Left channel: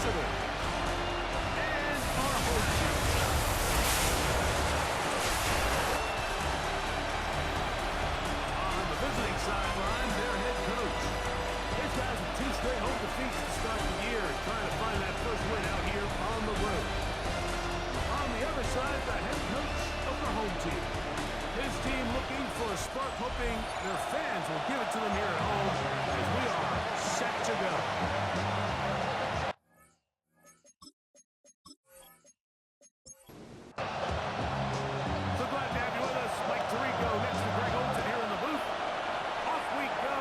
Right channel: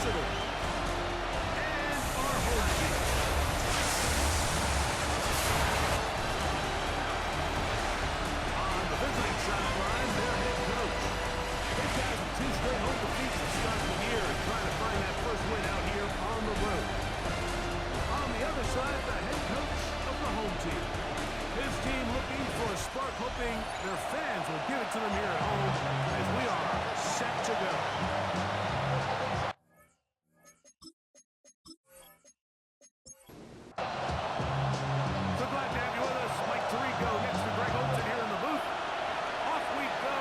visitors. And our home team. On the visiting sideline, their head coach. These guys with 2 straight home defeats to start the year and trying to find that first win out here on the road. On the other side, the head coach of the home team. His team looking for a spark, hoping their fans will give it to them here at home as we are set to go. So glad to have you with us. Mike Tirico next to Greg Olsen here in the booth. Off we go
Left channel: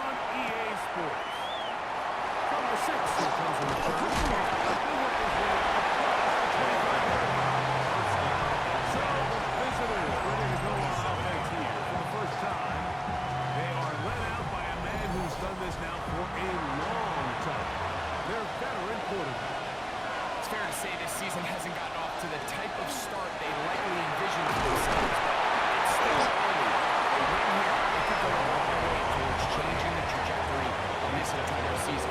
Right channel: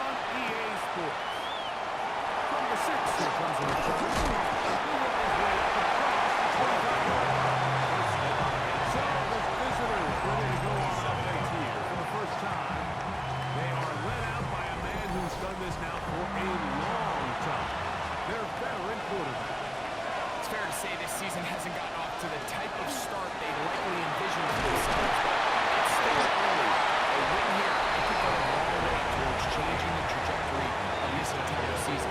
on EA Sports. From the 6, here comes the return. He'll work his way across the 25-yard line. So the visitors ready to go on offense here for the first time. They are led out by a man who's done this now for a long time. Their veteran quarterback. It's fair to say this season hasn't gotten off to the type of start they likely envisioned for themselves, but it's still early. A win here, it could go a long way towards changing the trajectory of this entire season.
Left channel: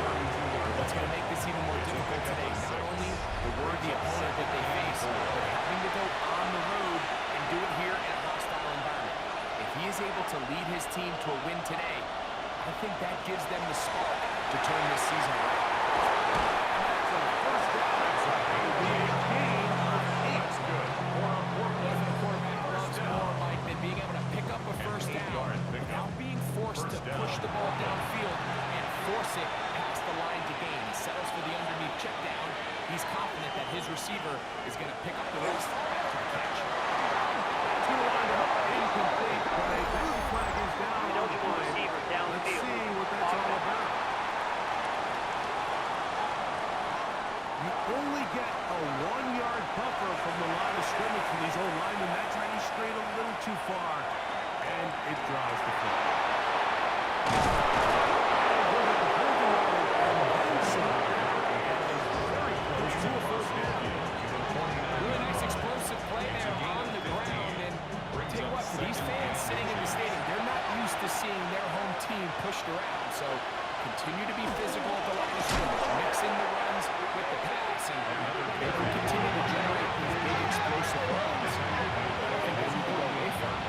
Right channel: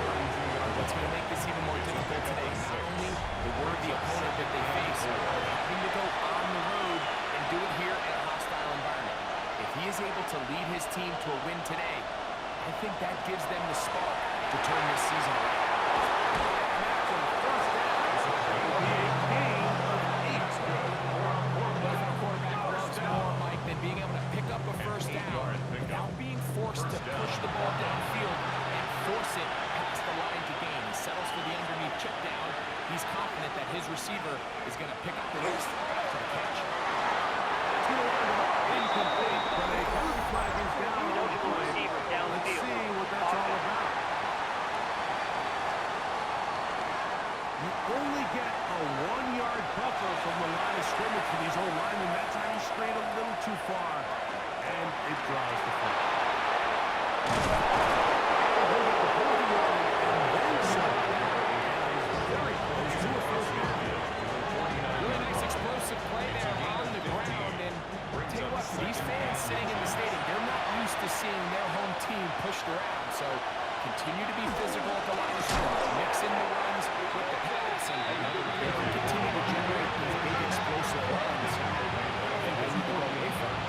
What's going to make this even more difficult today, not only the worthy opponent that they face, but having to go on the road and do it here in a hostile environment. If he is able to lead his team to a win today, I think that gives them the spark to turn this season around. And that's a first down. It will be a gain of 8. Nothing a quarterback loves more, Mike, than being able to pick up a first down without being forced to push the ball downfield and force it past the line to gain. He settles for the underneath check down. He's confident that his receiver is going to pick up the rest after the catch. That's going to wind up incomplete, but a penalty flag is down on the play. Let's see what that's all about. You only get a 1-yard buffer from the line of scrimmage for these old linemen. That's how you strayed a little too far, and it draws the flag. And he'll get the penalty yardage and then some, and is very close to a first down. Really nice explosive play there on the ground, and tell you what, for these fans sitting in the stadium, they're not used to seeing their home team pushed around, so continue to be physical at the line of scrimmage, mix in the runs with the pass, and they can continue to generate these big explosive runs. I don't think they need to go away from it.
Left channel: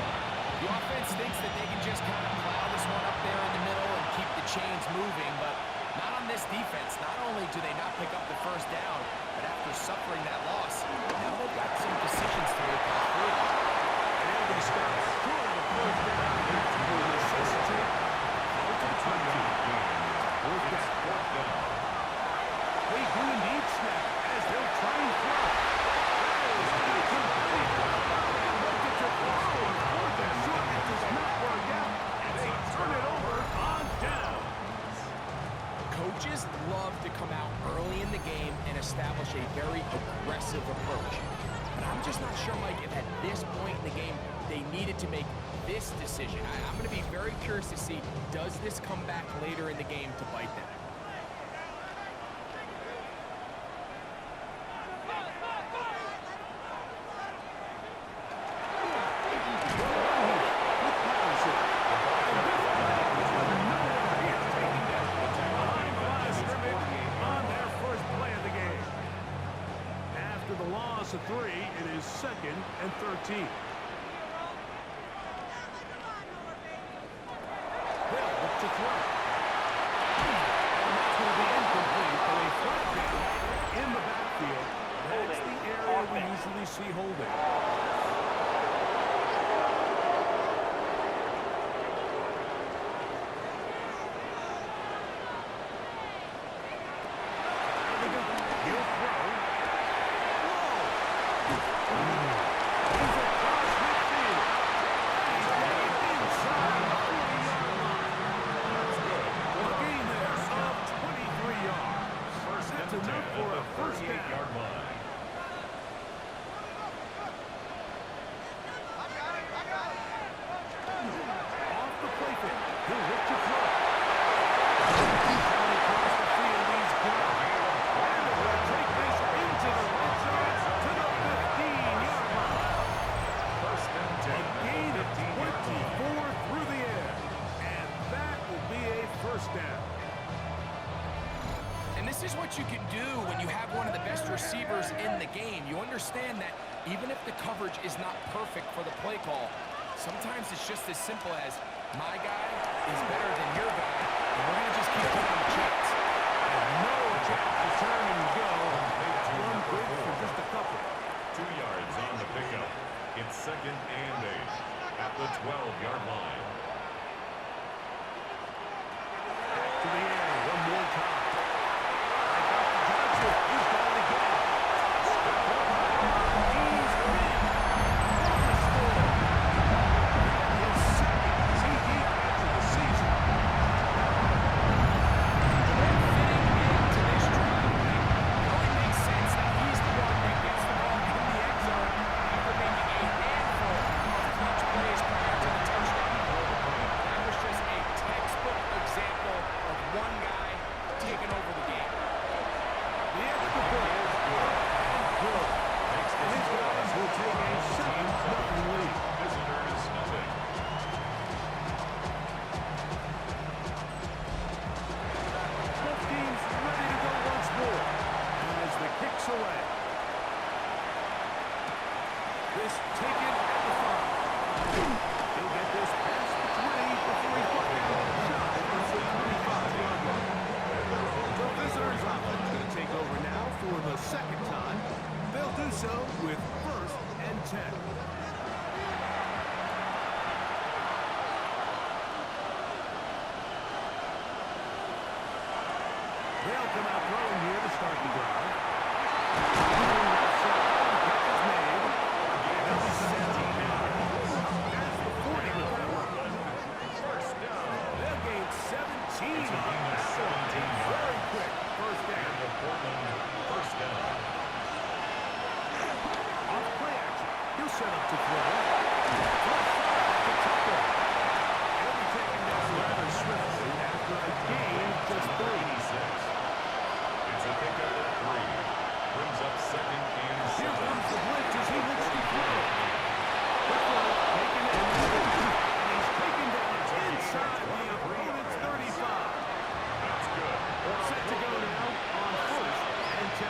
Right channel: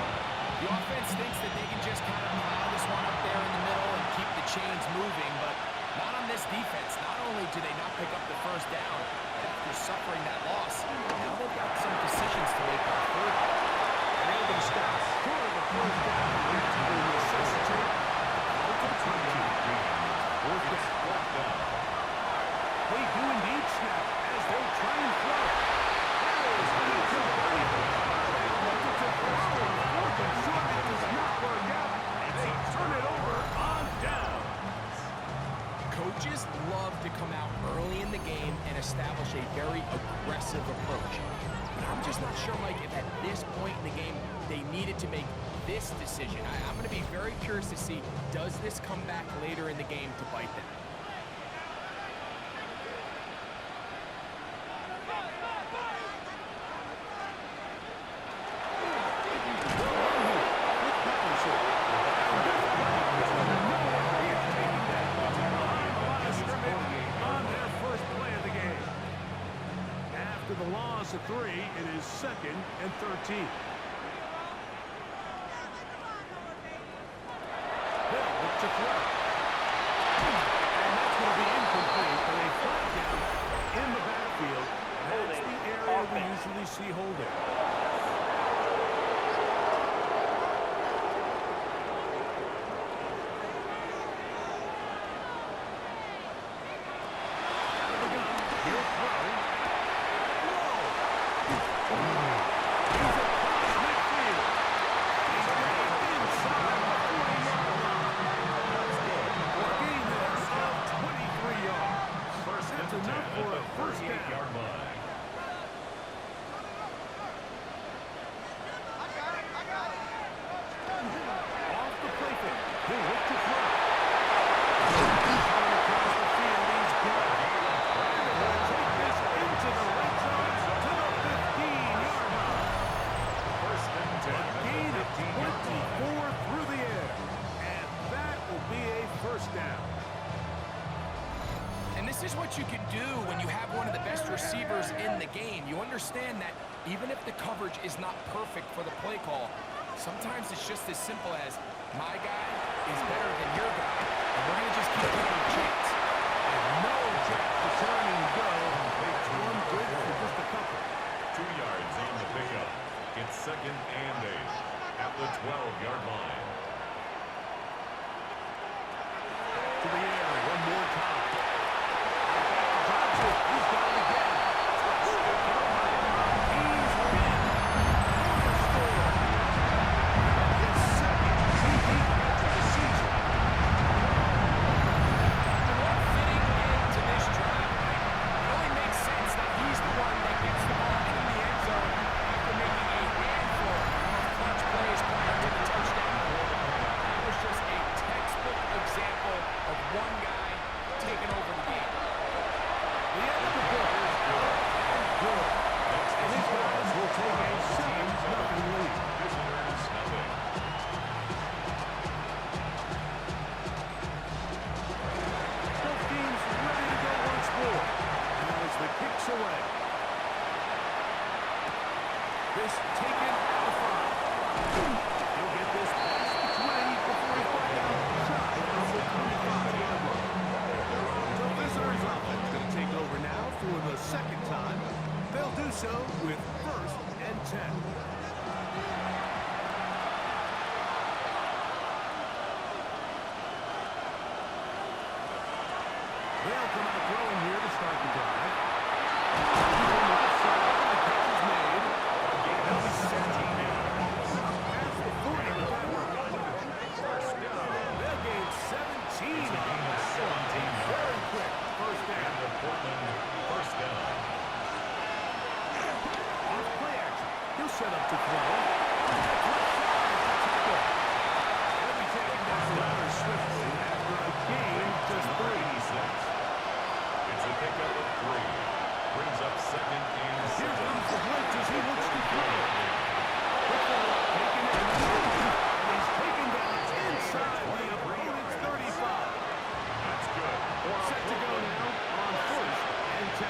The offense thinks that they can just kind of plow this one up there in the middle and keep the chains moving, but not on this defense. Not only do they not pick up the first down, but after suffering that loss, now they've got some decisions to make on third down. And they'll be stopped short of the first down. That will necessitate ultimate punch. Fourth down. They do indeed snap as they'll try and throw. That is incomplete. They elected to throw on fourth and short. It does not work out. They turn it over on down. Coaches love to come out early in the game and establish a very aggressive approach. But I'm just not sure, Mike, if at this point in the game they needed to make this decision. I'm going to be very curious to see, does this come back later in the game to bite them? The loss of 3, it is 2nd and 13. They'll look to throw. And that's going to be incomplete, but a flag down in the backfield. That's the area we usually see holding. Out of the gun, he'll throw. He's across midfield. And he's getting inside the 40-yard line. For a gain there of 23 yards. That's enough for a first down. Off the play fake. He'll look to throw. Across the field, he's got it. And they're going to take this into the red zone to the 15-yard line. A gain of 24 through the air. And that will be a first down. And this this is what you can do when you have one of the best receivers in the game. You understand that even if the coverage is not perfect for the play call, sometimes it's just as simple as my guy is better than your guy, and we're going to just keep giving him a chance. And no chance to turn and go. That's one good for just a couple. 2 yards on the pickup. It's 2nd and 8 at the 12-yard line. Back to the air one more time. Right back to Johnson. He's got it again. He's been cornerstone. And his second TD catch of the season. Fitting into this drive, right? It only makes sense that he's the one that gets the ball in the end zone after making a handful of clutch plays prior to the touchdown. That was just a textbook example of one guy taking over the game. The extra point is good and good. And his guys will take a 7-0 lead. Visitors, nothing. Both teams ready to go once more. As the kick's away. This taken at the 5. He'll get this past the 20 before he's brought down shy of the 25-yard line. So visitors offense going to take over now for the second time. They'll do so with 1st and 10. They'll come out throwing here to start the drive. Left side, the catch is made. They'll be set up now. Past the 40 with that one. First down. They'll gain 17 on that one. Very quick first down. Portland, first down. Off play action. He'll set up to throw. That's left side to tackle. He'll be taken down rather swiftly after a gain of just 3. It's a pickup of 3. Brings up 2nd and 7. Here comes the blitz as he looks to throw. Quick throw, taken in. And he's taken down inside the opponent's 35. That's good. Set to go now on 1st and 10.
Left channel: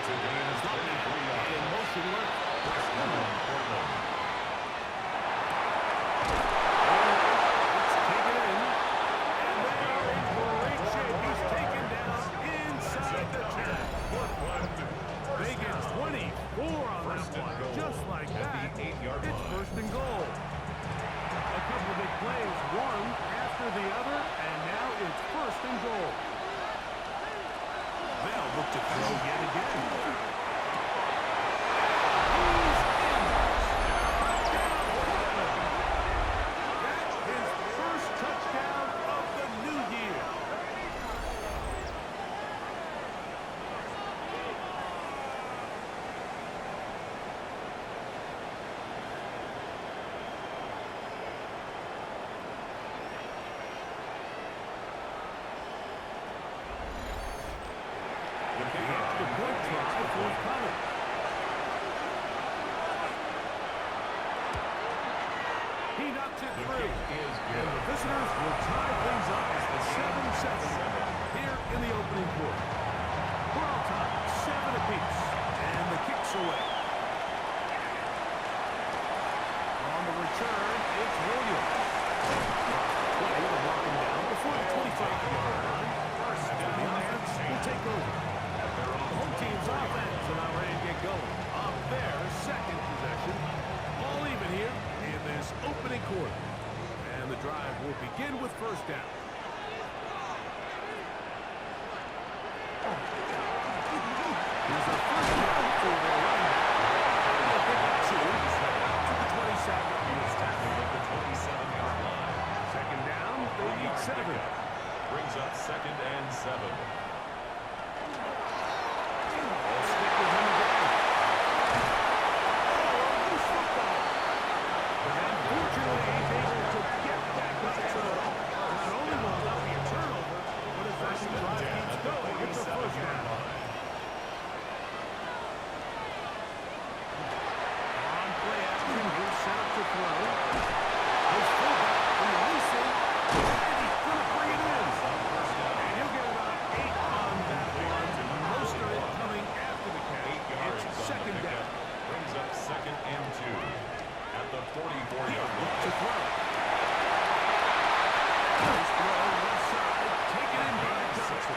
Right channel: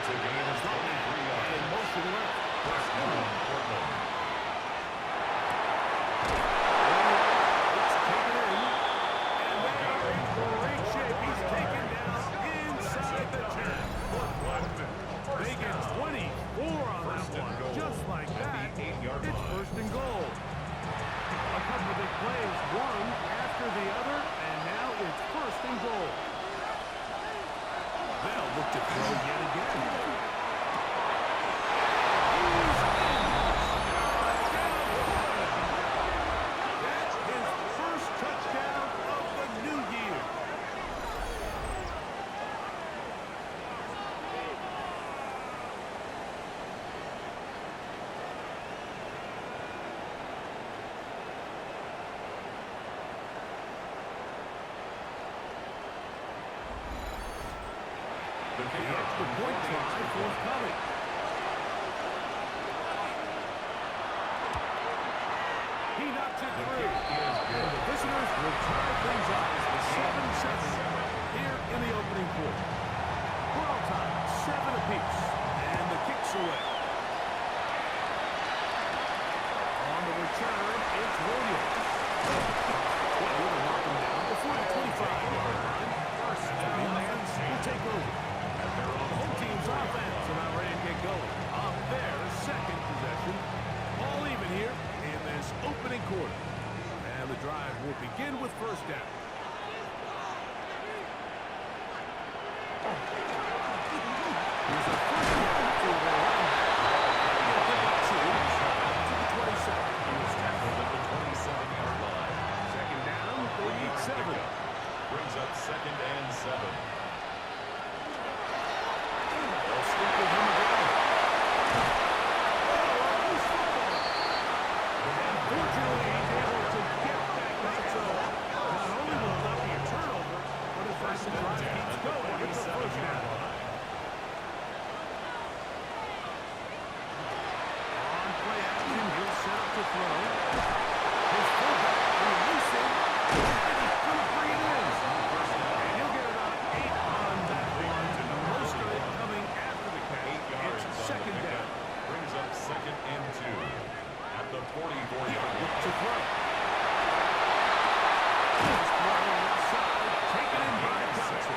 It's a gain of 23 yards. In motion left. First down, Portland. It's taken in. And they are in great shape. He's taken down inside the 10. They get 24 on that one. Just like that, it's 1st and goal. A couple of big plays, one after the other, and now it's 1st and goal. They'll look to throw yet again. He's in. Touchdown, Portland. That's his first touchdown of the new year. The extra point try forthcoming. He knocks it through. And the visitors will tie things up 7-7 here in the opening quarter. We're all tied, 7 apiece. And the kick's away. On the return, it's Williams. Across the 20 to mark him down before the 25-yard line. First down, the offense will take over. The home team's offense are now ready to get going on their second possession. All even here in this opening quarter. And the drive will begin with 1st down. Here's a 1st down for their running back. He'll pick up 2 out to the 27. He was tackled at the 27-yard line. 2nd down, they need 7. Brings up 2nd and 7. They'll stick with him again. Oh, a loose football. And fortunately, he's able to get back up. So not only will it not be a turnover, but as the drive keeps going, it's a 1st down. On play action, he'll set up to throw. His fullback releasing, and he's going to bring it in. And he'll get about 8 on that. to throw. Nice throw left side, taken in by Johnson.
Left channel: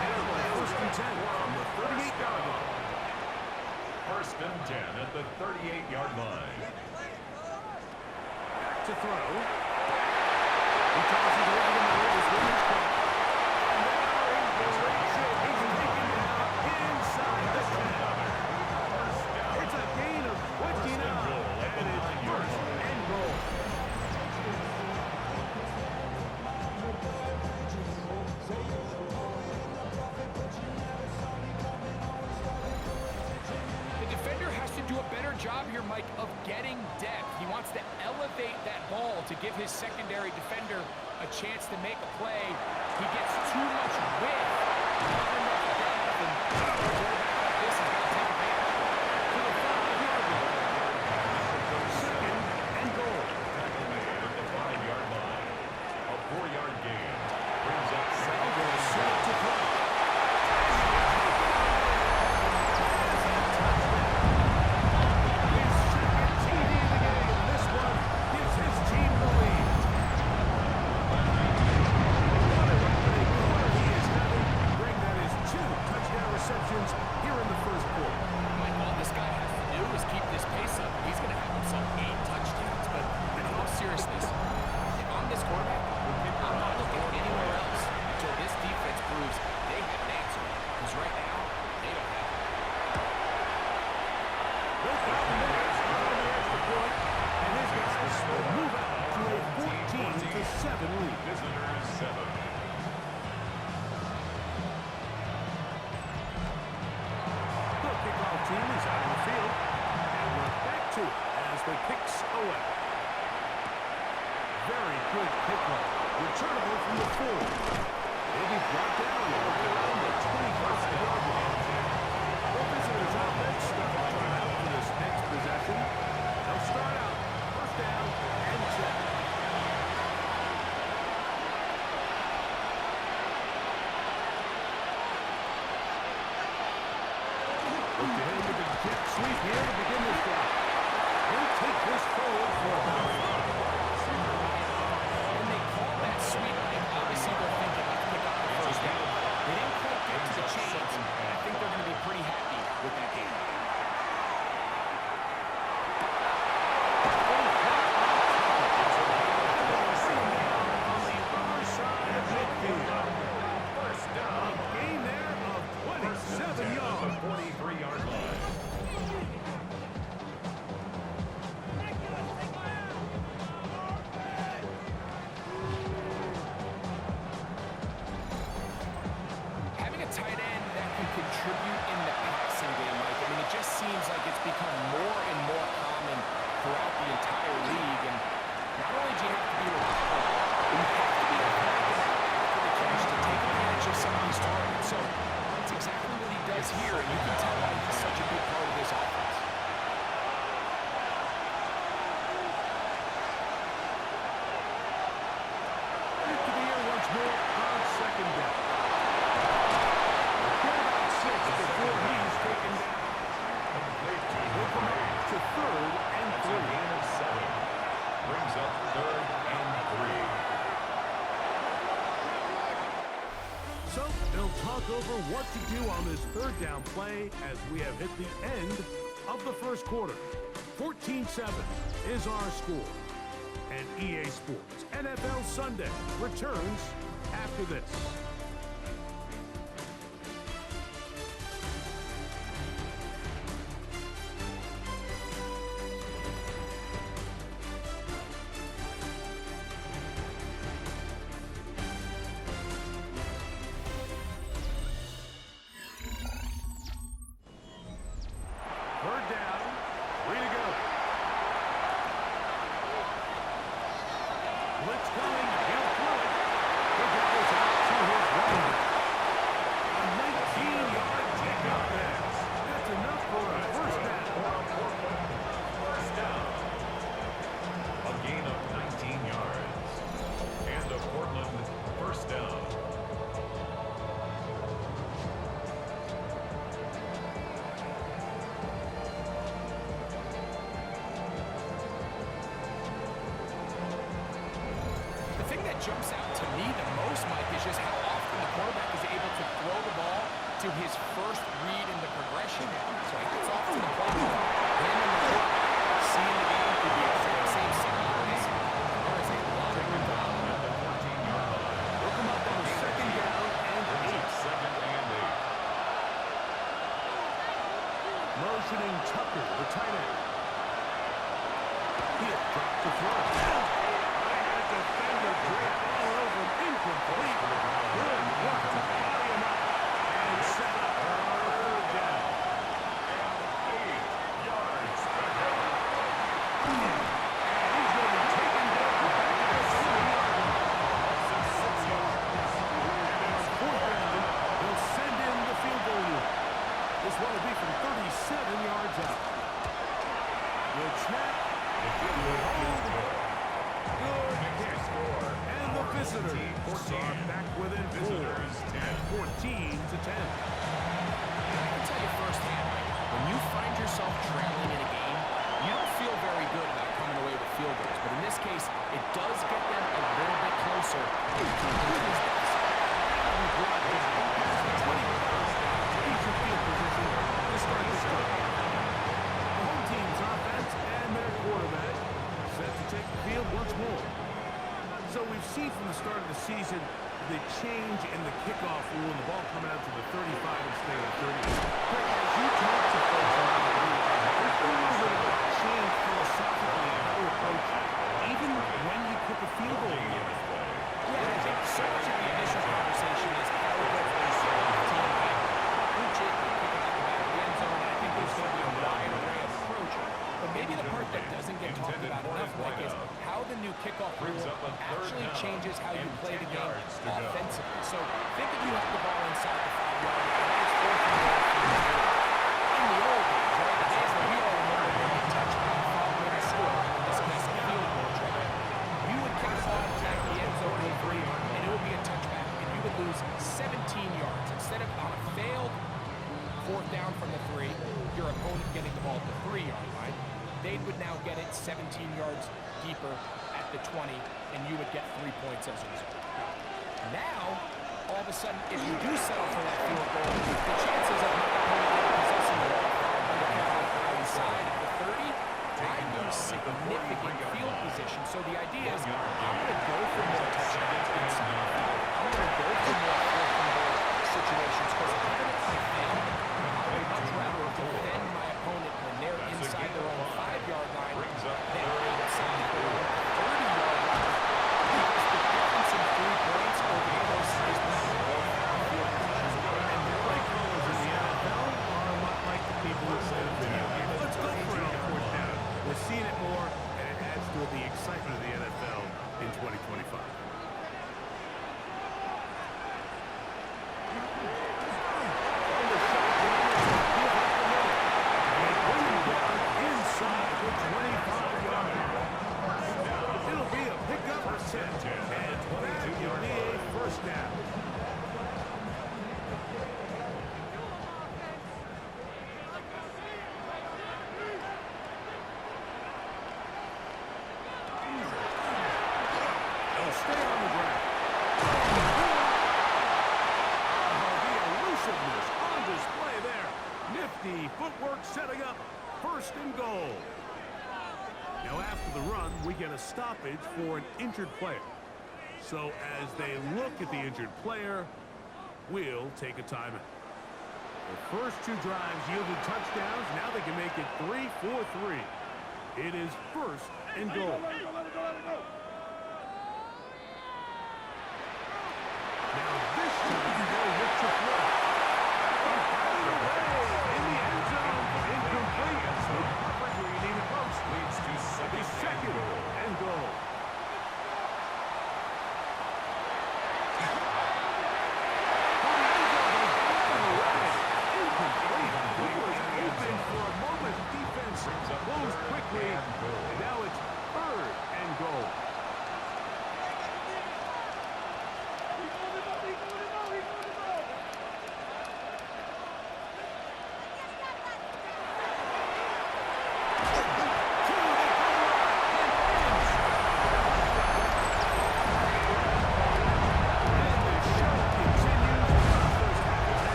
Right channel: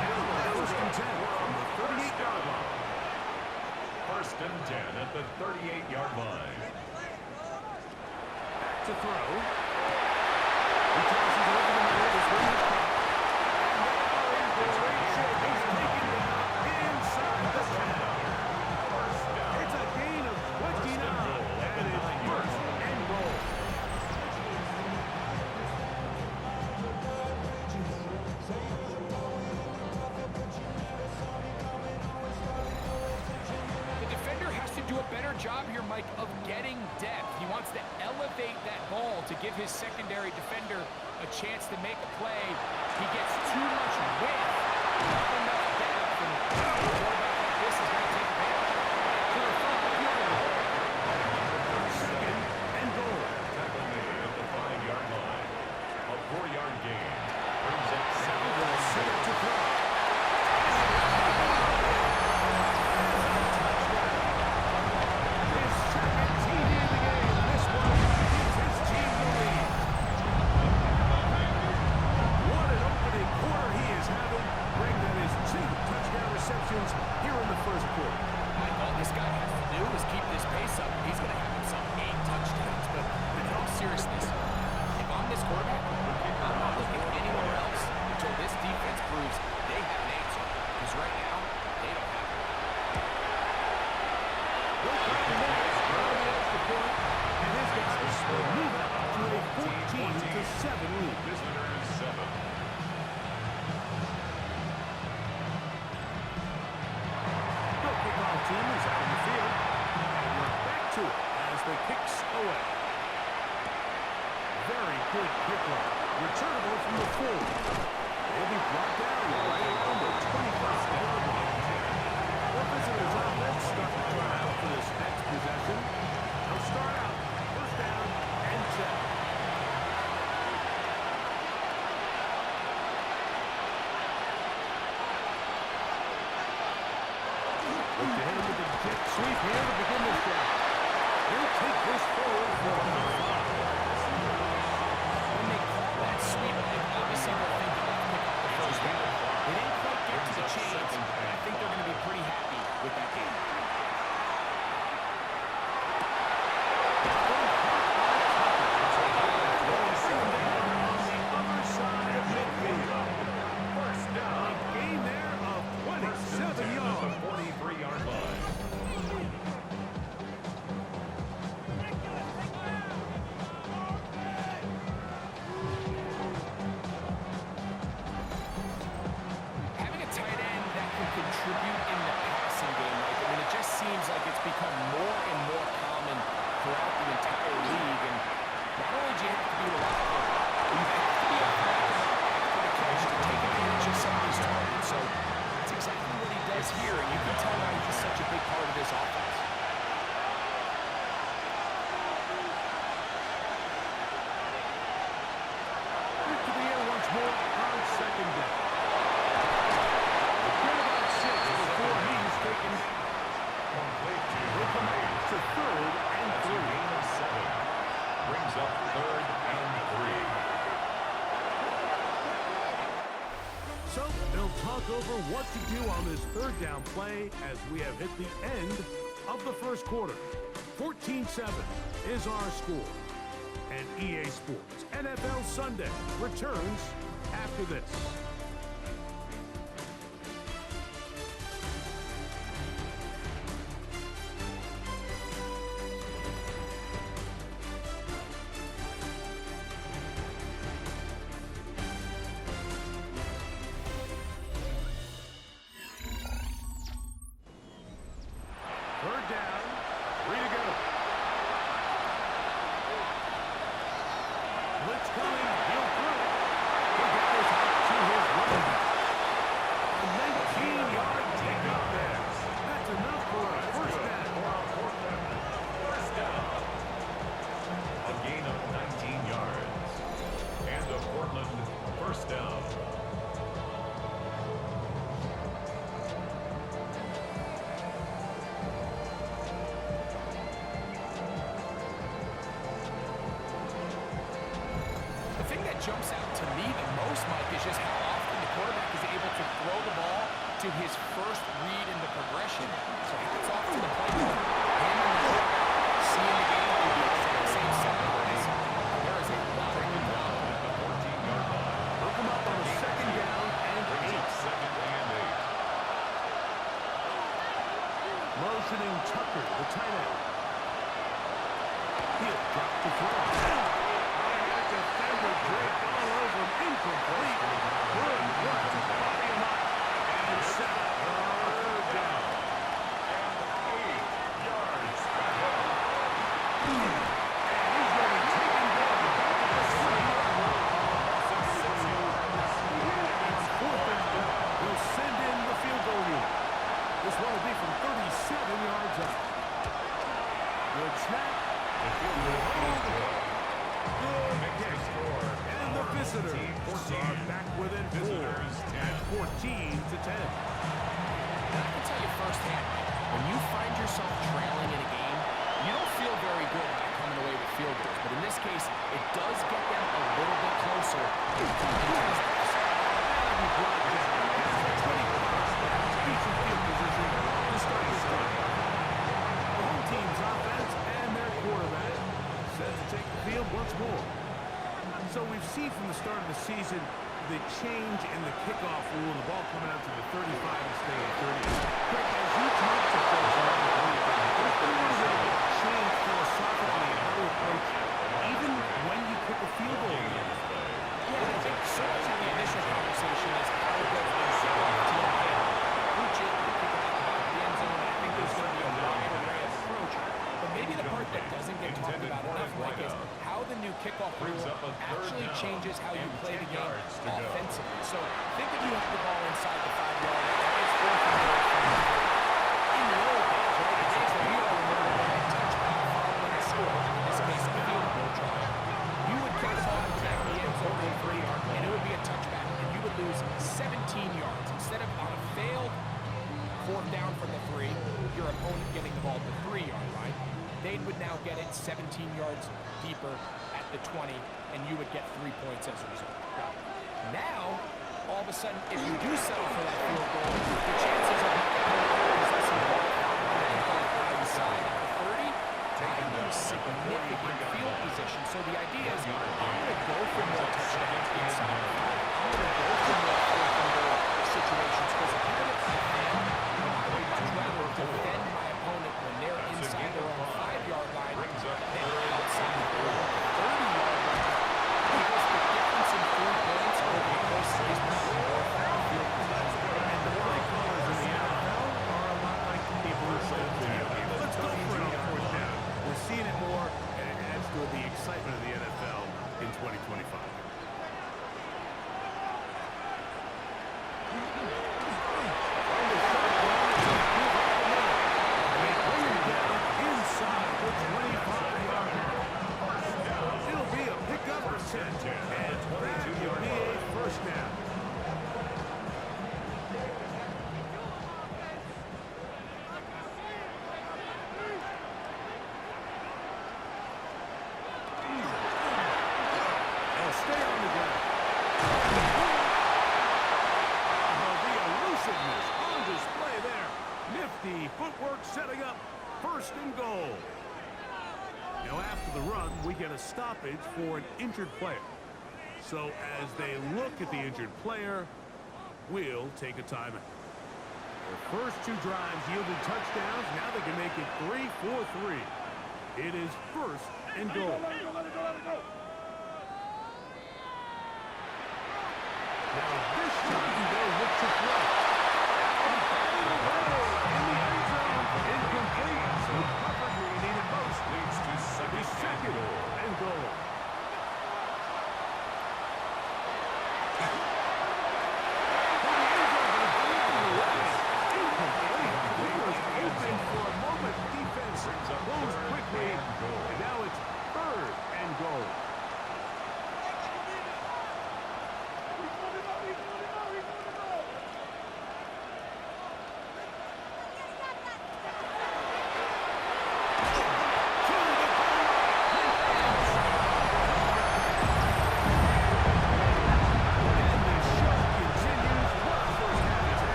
And a first and 10 from the 38-yard line. First and 10 at the 38-yard line. Back to throw. He tosses over the middle. This one is caught. And they are in great shape. He's taken down inside the 10. It's a gain of 29. And it's first and goal. Do a better job here, Mike, of getting depth. He wants to elevate that ball to give his secondary defender a chance to make a play. He gets too much width, not enough depth, and a quarterback like this is going to take advantage. To the 5-yard line. Second and goal. Tackle made at the 5-yard line. A 4-yard gain brings up Salvo set up to throw. Here in the first quarter. Mike, all this guy has to do is keep this pace up, and he's going to have himself 8 touchdowns. But in all seriousness, if I'm this quarterback, I'm not looking anywhere else until this defense proves they have an answer. Because right now, they don't have one. No problem there. On the extra point, and his guys will move out to a 14-7 lead. Visitors 7. Kickoff team is out on the field, and we're back to it as the kicks away. Very good kickoff. Returnable from the 4. He'll be brought down right around the 25-yard line. The visitors' offense starting to run out for this next possession. They'll start out first down and 10. Look to hit him with a jet sweep here to begin this drive. He'll take this forward for about 5. When they call that sweep, Mike, obviously they're thinking, let's pick up the first down. They didn't quite get to the chains, and I think they're going to be pretty happy with that game. On the other side of midfield. First down. A gain there of 27 yards. 43-yard line. Having a tight end that can contribute in the passing game, Mike, I mean, it just seems like it's become more and more common throughout the entire league. And not only do you have to be reliable, but you have to be athletic enough after the catch to take advantage of some of these targets. So that's exactly what he does here, and you can tell why he's such a big part of this offense. Back to the air once more on second down. Get about 6 before he's taken down. Complete He'll come up to third and That's 3. a gain of 7. Brings up third and 3. So they'll talk over what to do on this third down play as we have hit the end of the first quarter. 14-7 is our score. And EA Sports NFL Sunday returns after this. Third down, 3 to go. Blitz coming, he'll throw it. He'll get this out to his running back. A 19-yard pickup there. That's enough for a first down. First down. A gain of 19 yards. And a Portland first down. that jumps out to me the most, Mike, is just how often the quarterback is able to throw the ball to his first read in the progression. So hats off to the play caller. Him and the quarterback seeing the game through the exact same set of eyes. There is a lot of room to run. At the 14-yard line. Look him up on a second down and 8. Second and 8. Motioning Tucker, the tight end. He'll drop the throw. They had a defender draped all over him. Incomplete. Good work to body him up and set up a third down. And 8 yards back up. And he's going to be taken down back to the 20-yard line. Also 6 yards. On fourth down, they'll send in the field goal unit. This one will be from 37 yards out. Good snap. The field goal is good. Good Makes kick. the score. And the Our visitors home team are back within 4 Visitors 10. at 14-10. And I can tell you firsthand, Mike, when you find yourself trailing in a game, you don't feel very good about coming away with field goals. But in this case, it does get them a little bit closer to coming into this deficit. And we brought down past the 25. Decent field position to start this game. The home team's offense and their quarterback set to take the field once more. So we've seen from the start of the season the change in the kickoff rule and the ball coming out to the 35 instead of the 30. Greg, as you talk to folks around the league, there's been a little bit of a change philosophically in how to approach even when you kick a field goal. Yeah, I think so much of the initial conversation is how does the kickoff team handle it? Reach it, you kick it out the back of the end zone, and I think there's going to be a wide array of approach. But maybe the part that doesn't get talked about enough, Mike, is how the new kickoff rule actually changes how you play the game offensively. So think if you have the ball inside the 5-yard line, it's 4th and goal from the 4. In the old days, right, the days that we all remember when a touchback following a score, in this case a field goal try, you would kick the ball in the back of the end zone in 3, and it would be a touchback, and you would lose 17 yards. Instead of on a failed 4th down from the 3, your opponent getting the ball at the 3-yard line, they would now get it 17 yards deeper at the 20, and you would get 3 points as a result. Now, all of a sudden, if you do settle for that field goal, the chances of my opponent now possessing the ball on the kickoff outside of the 30, I lose significant field position. So the idea is, I'm going to go for more touchdowns inside the 5. I'm going to go for more 4th and goal situations, because even if I fail, I would much rather defend my opponent when they're inside their own 5-yard line than outside their own 30-yard line, because the difference in 3 points over the course is not worth the field position. And the play callers in the NFL are a lot like the people who play the video game. Let's go for it on 4th down. We're seeing it more, and it adds to the excitement of the NFL in 2025. Inside the 25-yard line. It'll be a pickup or 10, and that will be a first down. They'll stay on the ground. The elusiveness on display there. Nifty footwork setting up 1st and goal. Now after the run, we get a stoppage for an injured player. So as they look at the injured player, we'll take a timeout. The first 2 drives yielded touchdowns. Now they can make it 3-4-3. It is 1st and goal. Now this time they'll look to throw. Batted away in the end zone. Incomplete. The coverage where you need it most. Leads to second and goal. Well, the end zone was batted away. Incomplete. He was open for a moment. Defense closed quickly. And now it's 3rd and goal.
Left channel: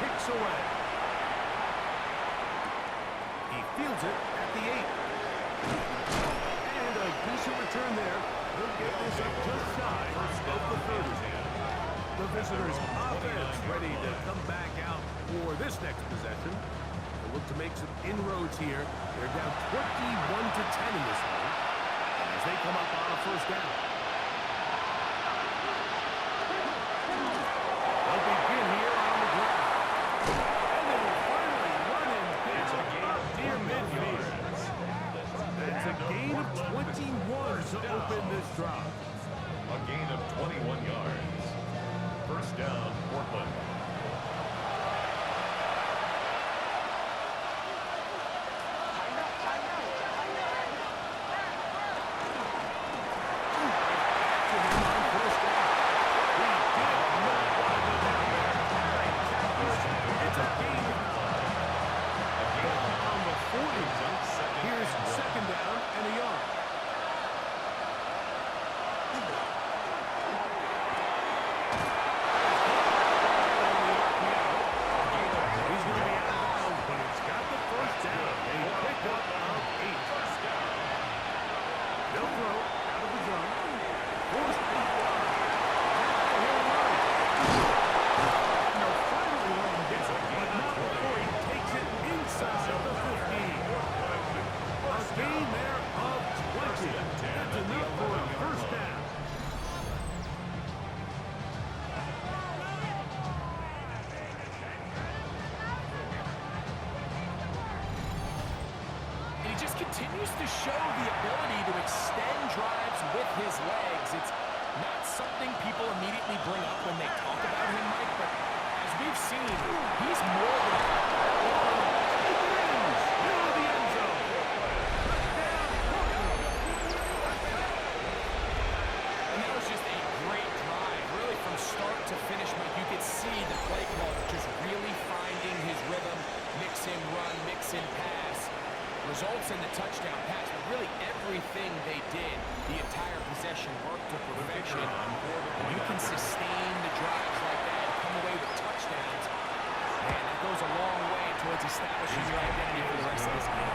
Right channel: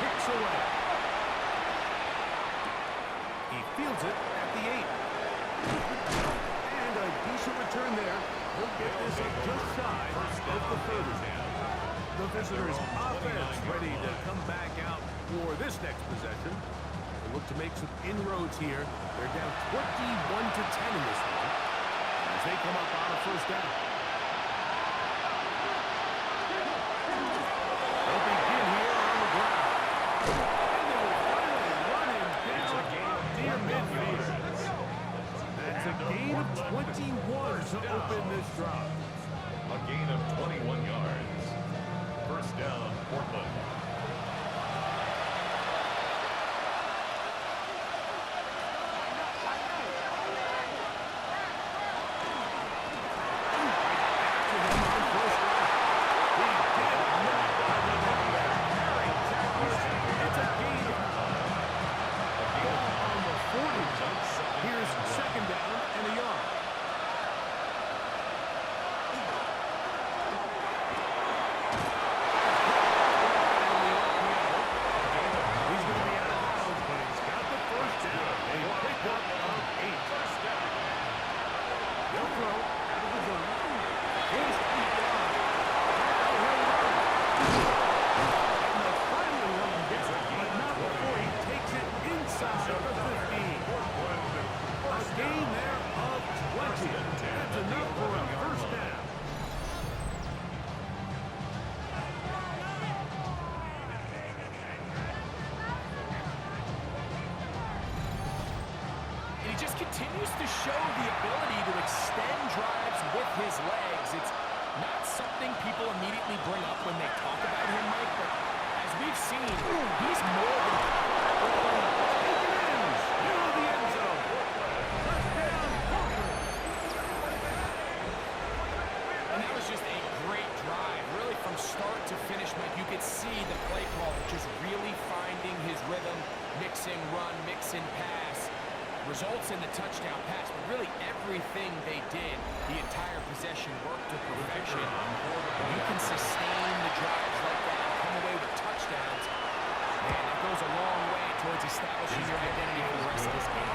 kicks away. He fields it at the 8. And a decent return there. He'll get this up just shy of the 30. The visitors' offense ready to come back out for this next possession. They'll look to make some inroads here. They're down 21-10 in this one as they come up on a first down. They'll begin here on the ground. And they will finally run him down near midfield. That's a gain of 21 to open this drive. A gain of 21 yards. First down, Portland. Here's second down and a yard. He's going to be out of bounds, but he's got the first down. A pickup of 8. They'll throw out of the gun. Forced deep down. Now he'll run. And they'll finally run him down, but not before he takes it inside the 15. A gain there of 20. That's enough for a first down. And he just continues to show the ability to extend drives with his legs. It's not something people immediately bring up when they talk about him, Mike, but as we've seen, he's more than that one. Take it in. Into the end zone. Touchdown, Portland. And that was just a great drive. Really from start to finish, Mike, you could see the play call just really finding his rhythm, mix in run, mix in pass. Results in the touchdown pass, but really everything they did, the entire possession worked to perfection. When you can sustain the drives like that and come away with touchdowns, man, that goes a long way towards establishing your identity for the rest of this game.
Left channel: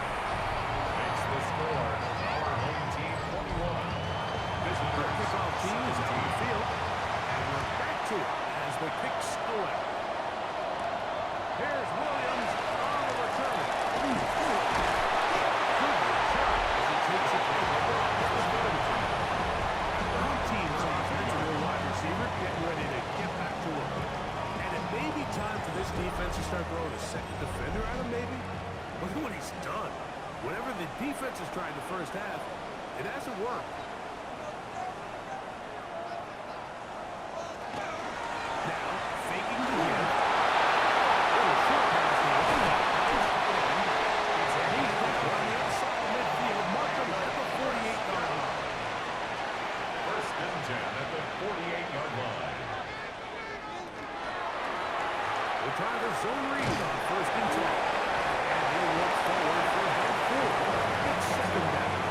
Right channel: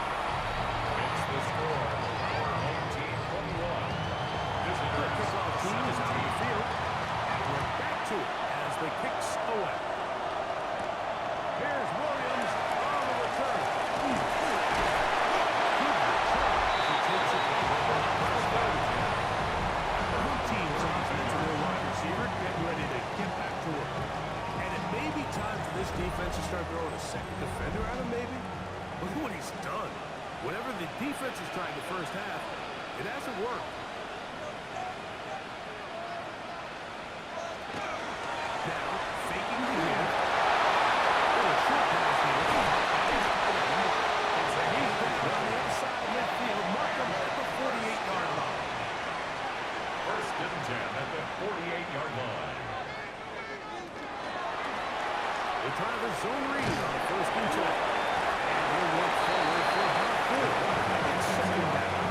Makes the score. Our home team 21. The kickoff team is out on the field, and we're back to it as the kicks away. Here's Williams on the return. Good return as he takes it over the 30. The home team's offense and their wide receiver getting ready to get back to work. And it may be time for this defense to start throwing a second defender at him, maybe. Look at what he's done. Whatever the defense has tried the first half, it hasn't worked. Now, faking the give. Little short pass here. He's down on the other side of midfield. Mark him at the 48-yard line. First and 10 at the 48-yard line. They try the zone read on first and 10. And he'll work forward for about 4. It's second down.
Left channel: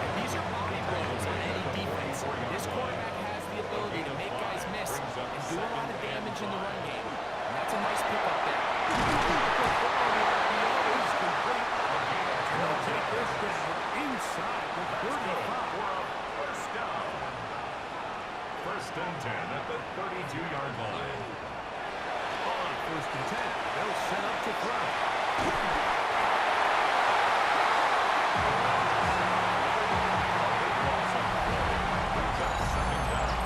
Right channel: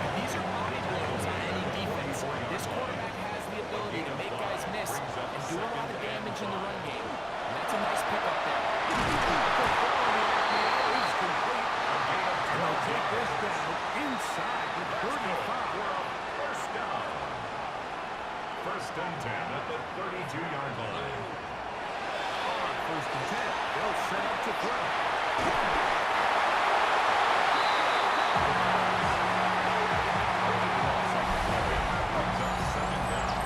And these are body blows on any defense. This quarterback has the ability to make guys miss and do a lot of damage in the run game. And that's a nice pickup there. The throw on the RPO is complete. And they'll take this down inside the 35. First down. First and 10 at the 32-yard line. On first and 10, they'll set up to throw. A big loss on the play. Brings up second down.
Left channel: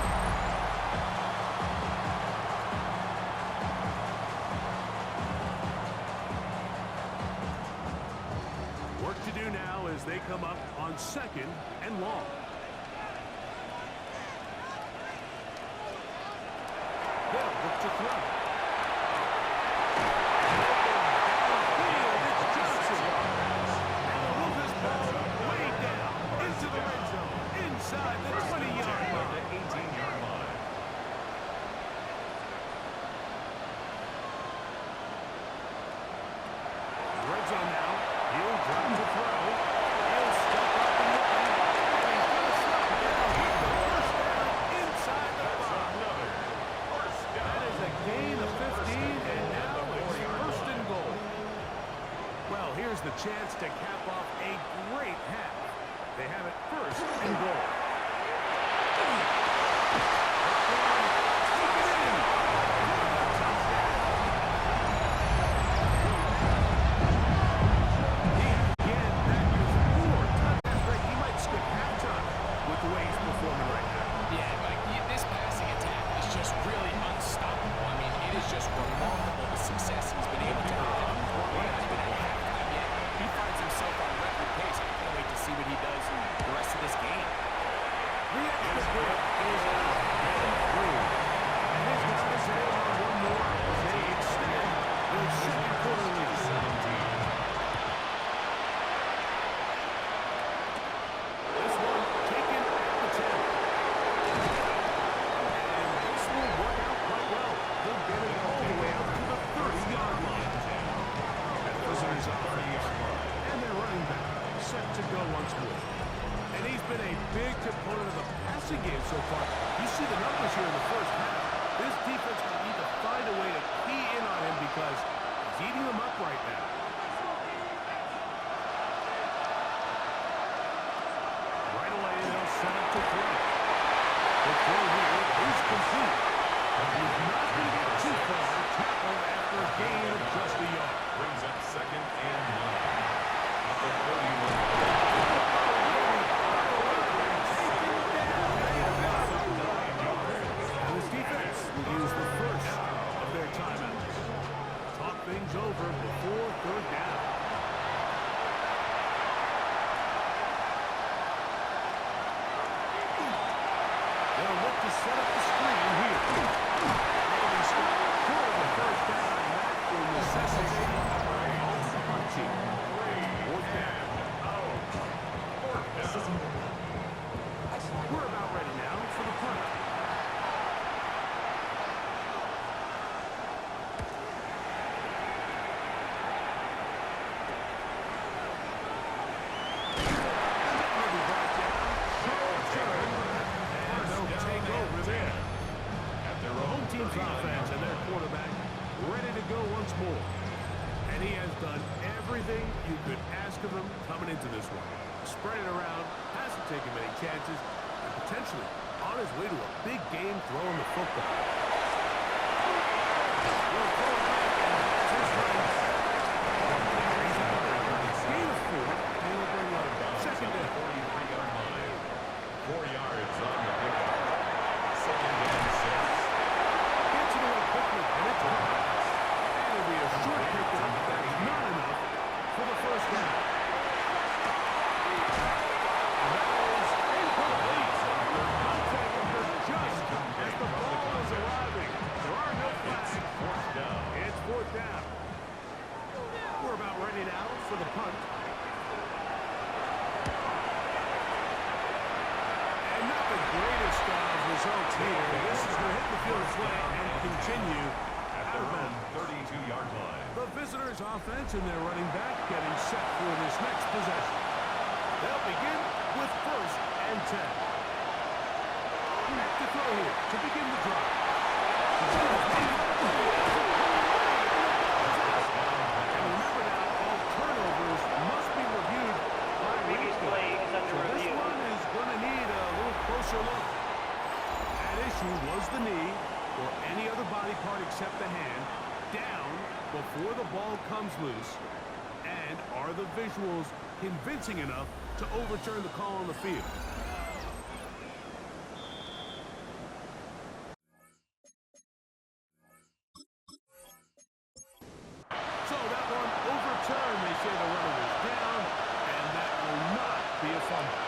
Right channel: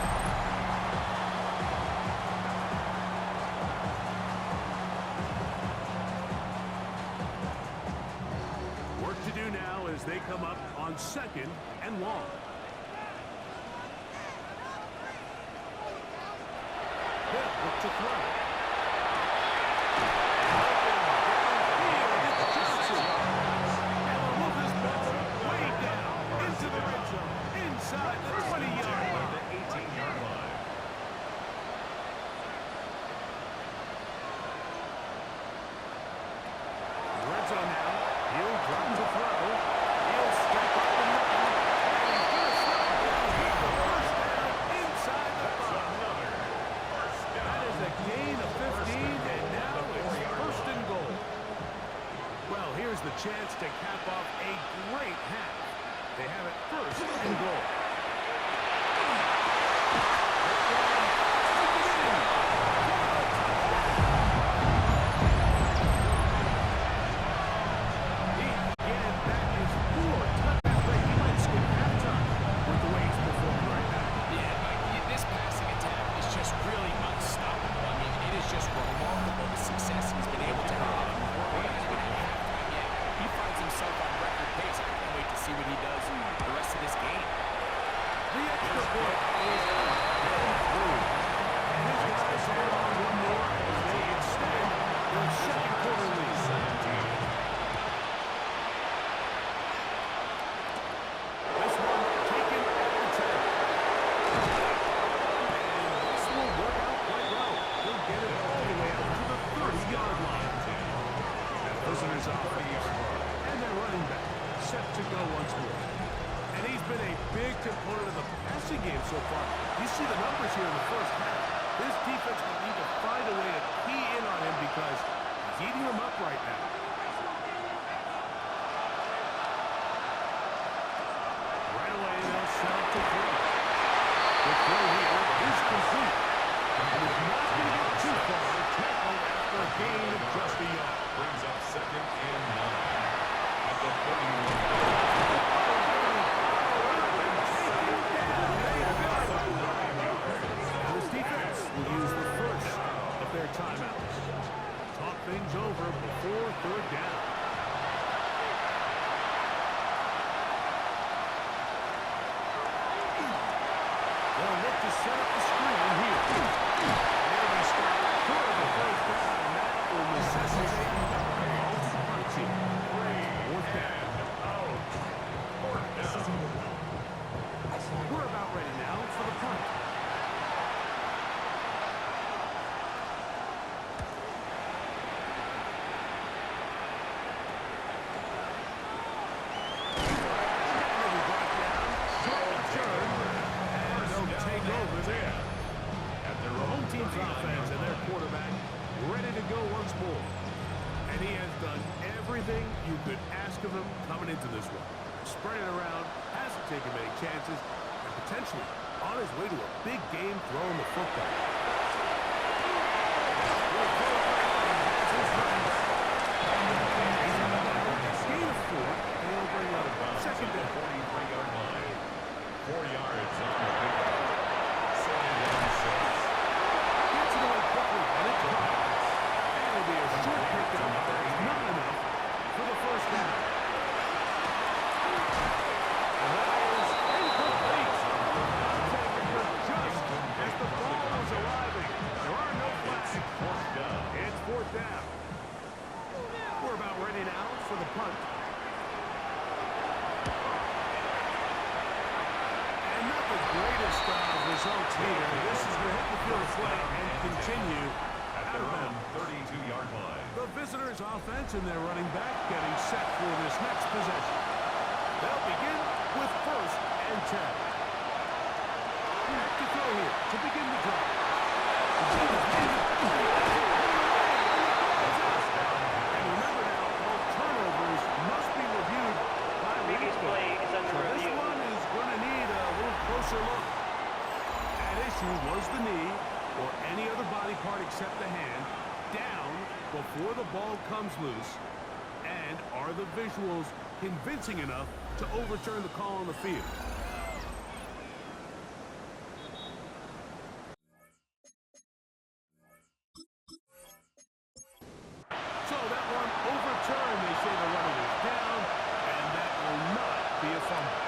Work to do now as they come up on second and long. They'll look to throw. Open downfield, it's Johnson. And they'll move this ball way down into the red zone, inside the 20-yard line. The 18-yard line. Red zone now. He'll drop to throw. He'll step up and run. And he's going to slide down with the first down inside the 5. Another first down. That is a gain of 15, is the chance to cap off a great half. They have it first and goal. Take it in for the touchdown. Again, that is 4 touchdown break. He might skip halftime with the way he's performing right now. Yeah, Mike, this passing attack is just really unstoppable. I mean, it is just remarkable the success he's been able to have. We're not even at halftime yet. He finds himself on record pace. I can't wait to see what he does the rest of this game. The extra point is up and through. And his guys add on one more as they extend their second quarter lead. 17. This one taken at the 10. And this will work out quite well. He'll get it all the way out to the 30-yard line. At visitors offense. And their running back set to go once more. And he's been a big component of the passing game so far. You see the numbers here in the first half. This defense will need to find a way to key in on him because he's eating them up right now. Right away, they'll set up to throw. The throw here is complete. He's not going to get too far. Tackled after a gain of just a yard. Brings up 2nd and 9. At the 31. This defense will use the first of their timeouts. Talk things over before 3rd down. They'll look to set up the screen here. They'll be stopped short of the 1st down, and that will necessitate a punting. 4th down. We're about ready now for the punt. Will be brought down, short return, and they'll take over there. At their Home team's 39 offense and their line. quarterback ready to go once more. And he has done everything you could ask of him coming into this one. Spread it around, hasn't taken many chances, and potentially on his way to a big game throwing the football. Will throw it back, and that's his running back. He's out of bounds. Gain of 4, and it'll bring up 2nd down. 43-yard line. 4 yards on the pickup. 2nd and 6. Gets it away quickly, and it's caught. And it'll be a short pickup that's not enough for the 1st down. And that is incomplete. I'm taking her just as the ball is arriving. There are no flags. It's 4th down. It's 4th down. We're about ready now for the punt. And not the greatest of results here. This is going to hit the field of play and continue At out their of own bounds. 32-yard line. The visitors' offense and their running back getting set for this next possession. They'll begin with 1st and 10. Back to throw here to begin the drive. And remember now, all turnovers must be reviewed by Previous replay. play is under So this review. one is going to need a little closer look. At issue was the knee, or any other body part except the hand, down before the ball comes loose. And are the visuals convincing enough to overturn the call on the field? So that one overturned. They say the runner was down, and that will not be a fumble.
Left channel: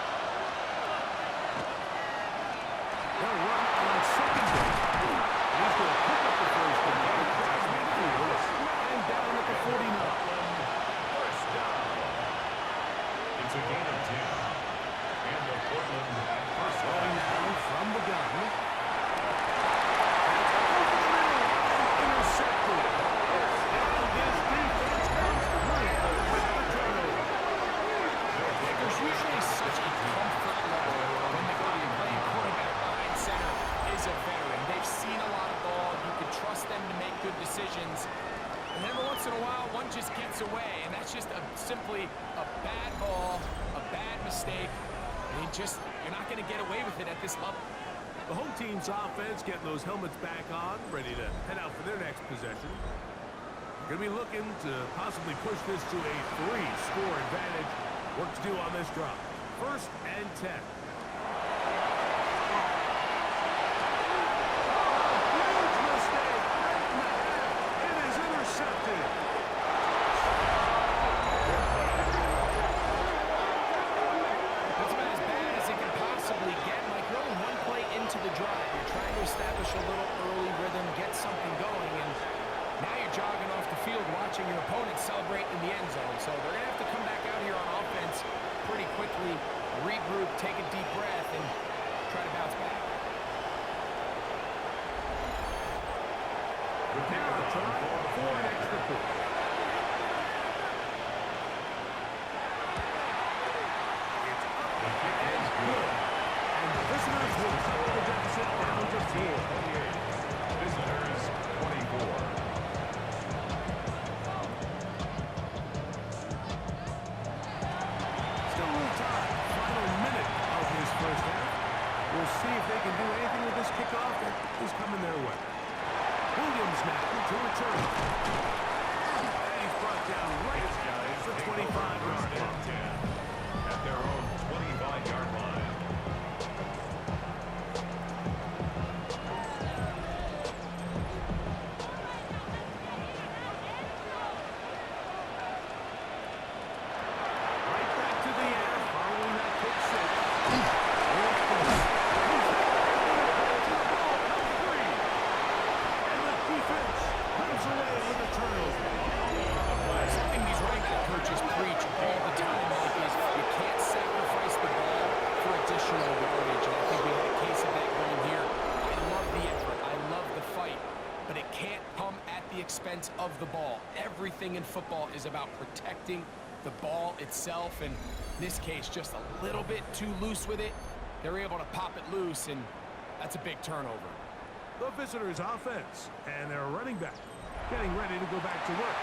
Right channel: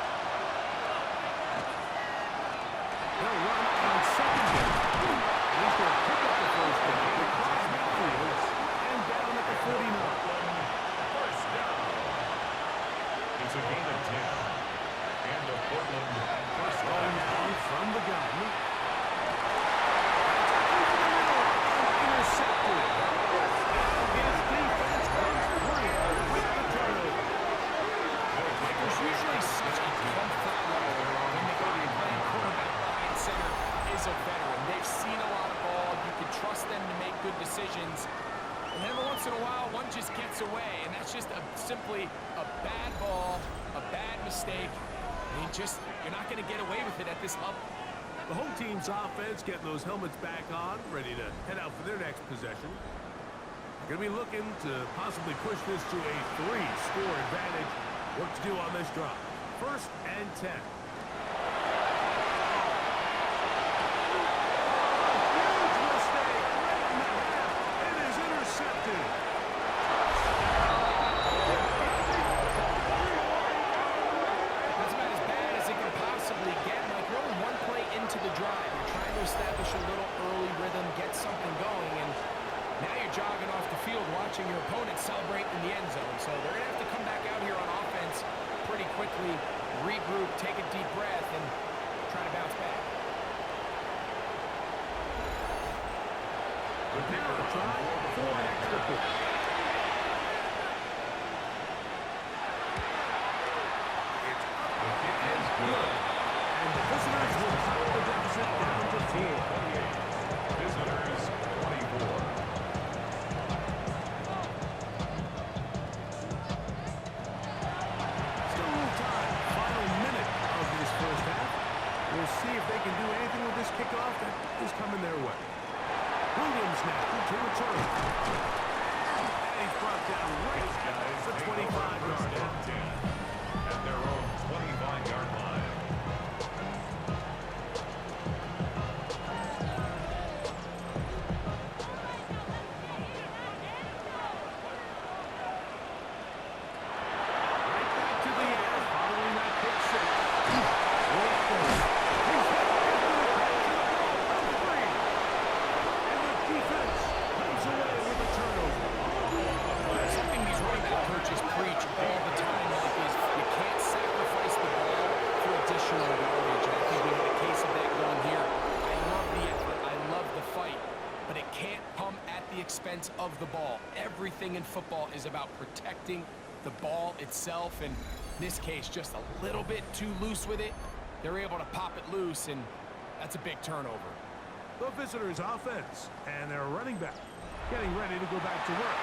They'll run on 2nd down. And he's going to pick up the 1st down across midfield and down at the 49. 1st down. It's a gain of 10. And the Portland at 1st Throwing down. now from the gun. That's over the middle and intercepted. And his defense comes free with the turnover. There's usually such a comfort level when the guy playing quarterback behind center is a veteran. They've seen a lot of ball. You can trust them to make good decisions. And every once in a while, one just gets away, and that's just simply a bad ball, a bad mistake. And you're not going to get away with it at this level. The home team's offense getting those helmets back on, ready to head out for their next possession. Going to be looking to possibly push this to a 3-score advantage. Work to do on this drive. 1st and 10. Huge mistake right in the half. It is intercepted. That's about as bad as it can possibly get. Like, you're only one play into the drive. You're trying to establish a little early rhythm, get something going, and now you're jogging off the field watching your opponent celebrate in the end zone. So they're going to have to come back out here on offense pretty quickly, regroup, take a deep breath, and try to bounce back. Now try for an extra point. It's up and good. And the visitors will cut the deficit down to 4. Visitors 24. First half. We'll see if they can do anything with this kickoff that is coming their way. Williams now to return. And he's brought down right at the 25-yard line. At their own 25-yard line. Right back to the air following that pick six. Something these running back coaches preach all the time, Mike, is you can't sacrifice the ball for additional yardage. And I think we had a case of that going here. I love the effort. I love the fight. But it can't come at the expense of the ball. Everything in football is about protecting the ball itself. And in this case, just a little bit too loose with it. They're able to pop it loose, and that's a big turnover. The visitors' offense and their running back getting ready to go back to work.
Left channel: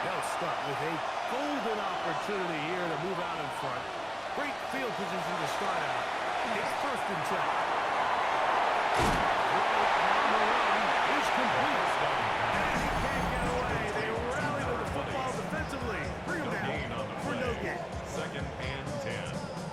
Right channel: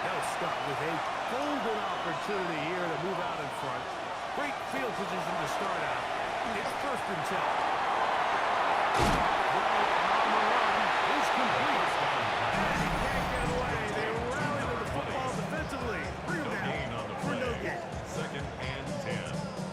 They'll start with a golden opportunity here to move out in front. Great field position to start out. It's 1st and 10. Throw on the run is complete. And he can't get away. They rally to the football defensively. Bring him down for no gain. 2nd and 10.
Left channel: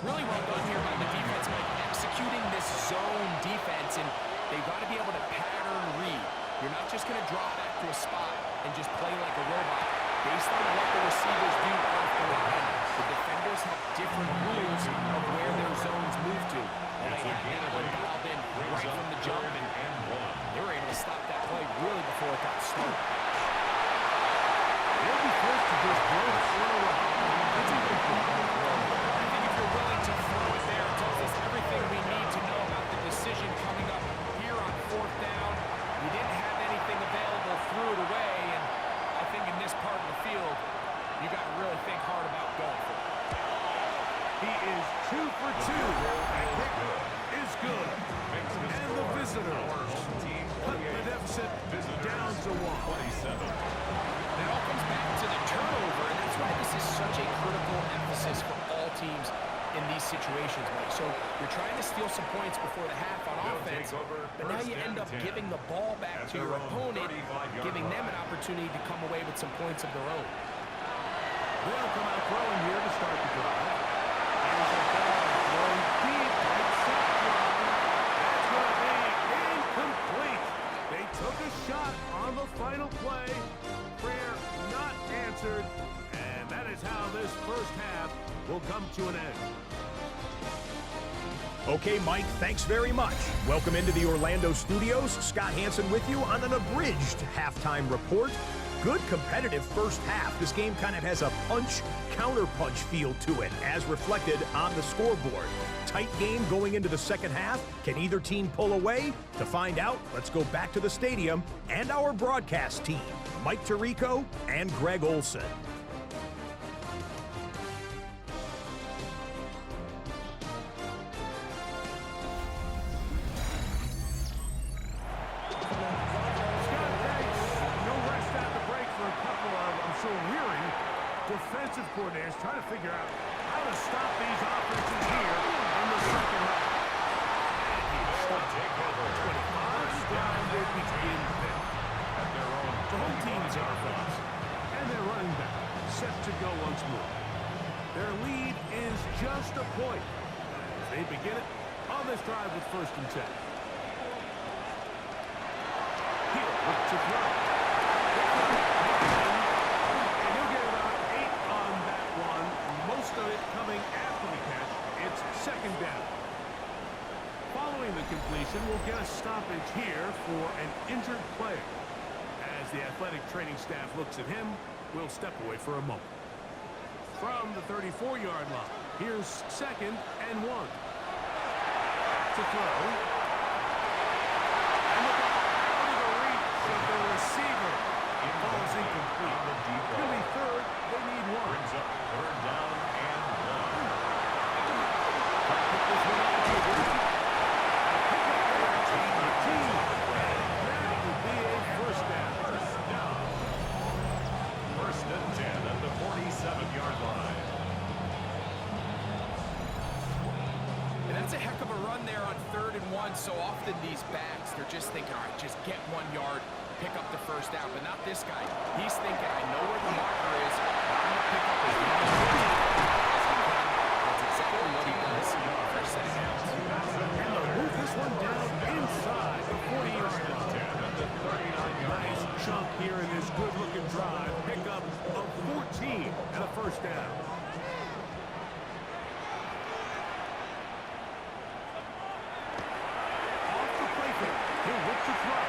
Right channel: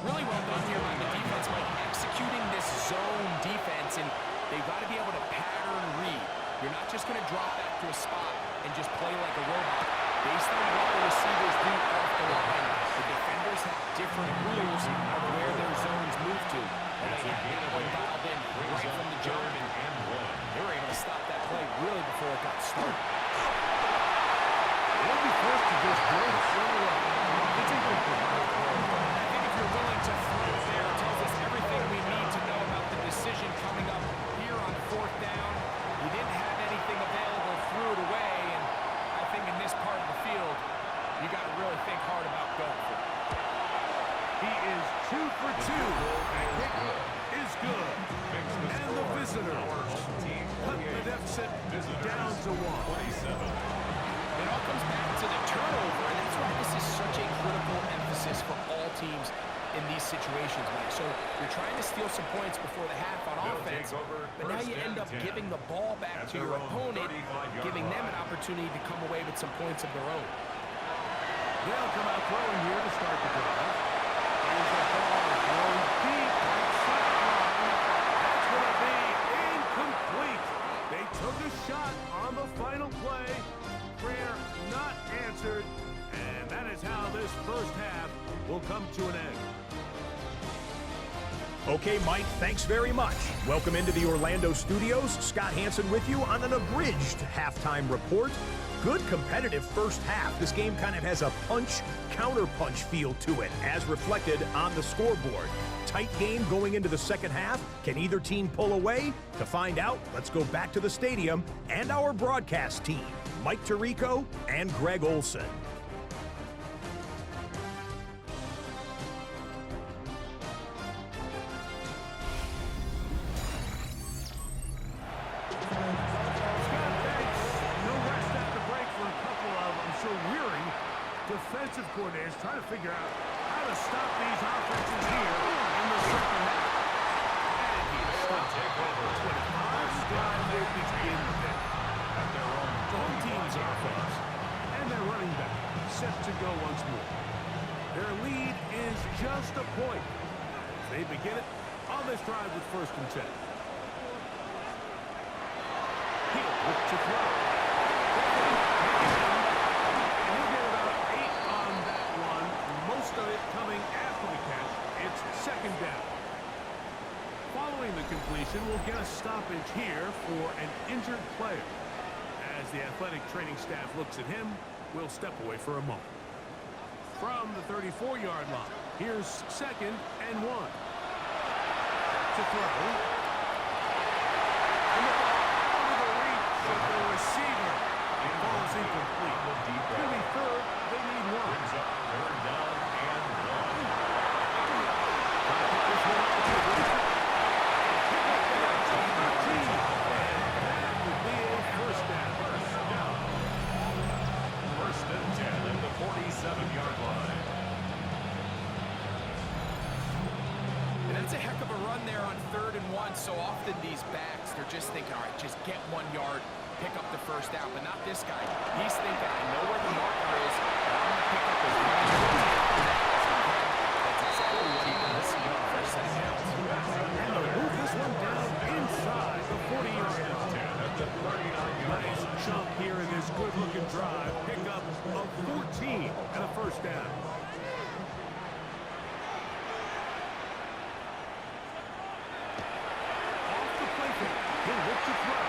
Really well done here by the defense, Mike, executing this zone defense, and they've got to be able to pattern read. You're not just going to drop back to a spot and just play like a robot. Based on what the receivers do off the line, the defenders have different rules of where their zones move to. Well, they had that one dialed in right from the jump, and they were able to stop that play really before it got started. They'll be forced to just blow this one away. It's incomplete. I think if you're willing to throw it there, it tells us everything we need to know about the decision coming up here on 4th down. You didn't have anything available, threw it away, and I think in this part of the field, you got to really think hard about going for it. He is 2 for 2. That kick is good. And the visitors cut the deficit down to 1. 27. It all comes back to the turnover, and that's why this is such a critical emphasis for all teams in these situations, Mike. So you're trying to steal some points before the half on offense, but now you end up giving the ball back to your opponent, giving them an opportunity to come away with some points of their own. They'll come out throwing here to start the drive. Here's a ball thrown deep right sideline. That's going to be incomplete. They took a shot on the final play. Prayer not answered. And that is how this first half will come to an end. Okay, Mike, thanks very much. Welcome into the Orlando studios. Scott Hansen with you on an abridged halftime report. Good competitive first half. This game kind of has a punch-counter-punch feel to it, as reflected on the scoreboard. Tight game going into the second half. Can either team pull away? To find out, let's go back to the stadium and our broadcast team, Mike Tirico and Greg Olson. defensive coordinators trying to figure out how to stop these offenses here in the second half. And he stopped at 25. Drive will begin then. At their own The home team's offense and their running back set to go once more. Their lead is just a point as they begin it on this drive with 1st and 10. He'll look to throw. And he'll get about 8 on that one. Most of it coming after the catch. It's 2nd down. Following the completion, we'll get a stoppage here for an injured player. As the athletic training staff looks at him, we'll step away for a moment. From the 34-yard line, here's 2nd and 1. Back to throw. And the ball out of the reach of the receiver. Ball's incomplete. It'll be 3rd. They need 1. Brings up 3rd down and 1. Trying to pick this one up on the bridge. Pick up there. 13. And that will be a 1st down. 1st and 10 at the 47-yard line. And that's a heck of a run there on 3rd and 1. So often these backs, they're just thinking, all right, just get 1 yard, pick up the 1st down. But not this guy. He's thinking, I know where the marker is, and I'm going to pick up as many yards as I can. That's exactly what he does for a set of downs. And they'll move this one down inside the 40-yard line. Nice chunk here in this good-looking drive. Pick up of 14 and a 1st down. Off the play fake. He'll look to throw.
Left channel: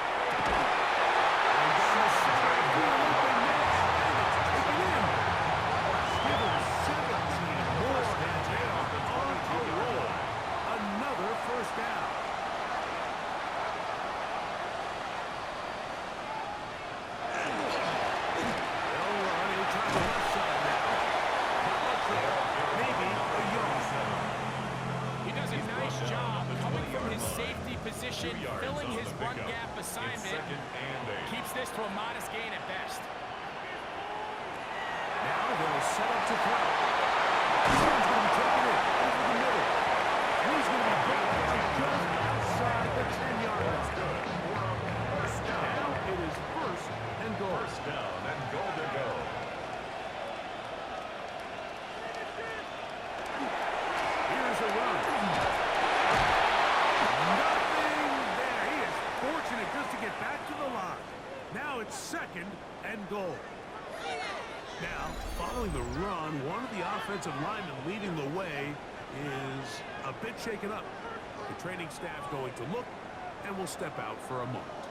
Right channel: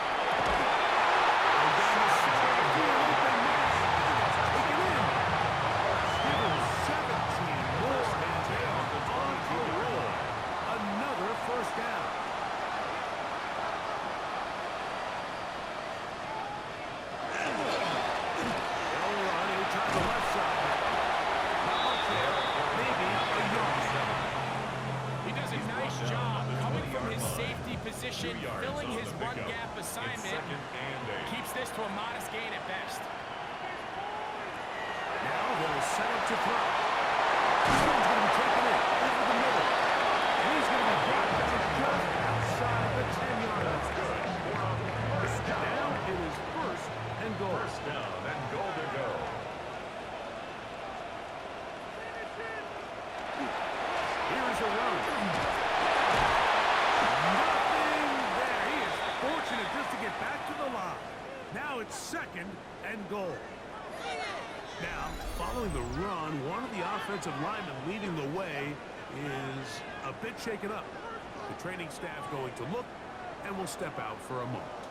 And down the center of the field, open miss. And it's taken in. Give him 17 more, and they are on a roll. Another 1st down. They'll run. He'll try the left side now. Not much there. Maybe a yard. He does a nice job coming from his safety position, filling his run gap assignment. Keeps this to a modest gain at best. Now they'll set up to throw. This one's going to be taken in over the middle. And he's going to be brought down just outside the 10-yard line. That's good. Now it is 1st and goal. 1st down and goal to go. Here's a run. Nothing there. He is fortunate just to get back to the line. Now it's 2nd and goal. Now, following the run, one of the offensive linemen leading the way is a bit shaken up. The training staff going to look, and will step out for a moment.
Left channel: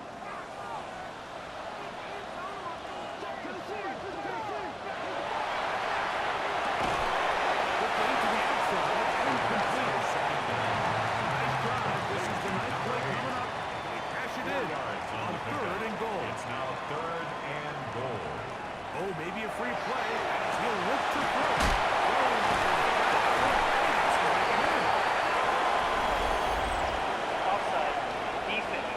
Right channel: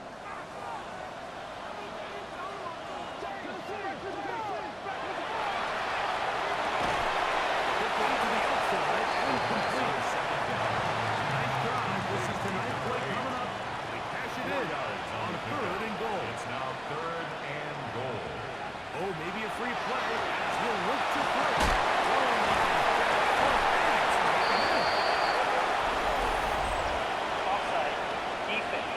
Quickly to the outside and complete. 2nd down. Nice drive. This is the nice play coming up. They cash it in on 3rd and goal. It's now 3rd and goal. Oh, maybe a free play as he'll look to throw. Throwing on his back foot, and it's taken in. Offside. Defense.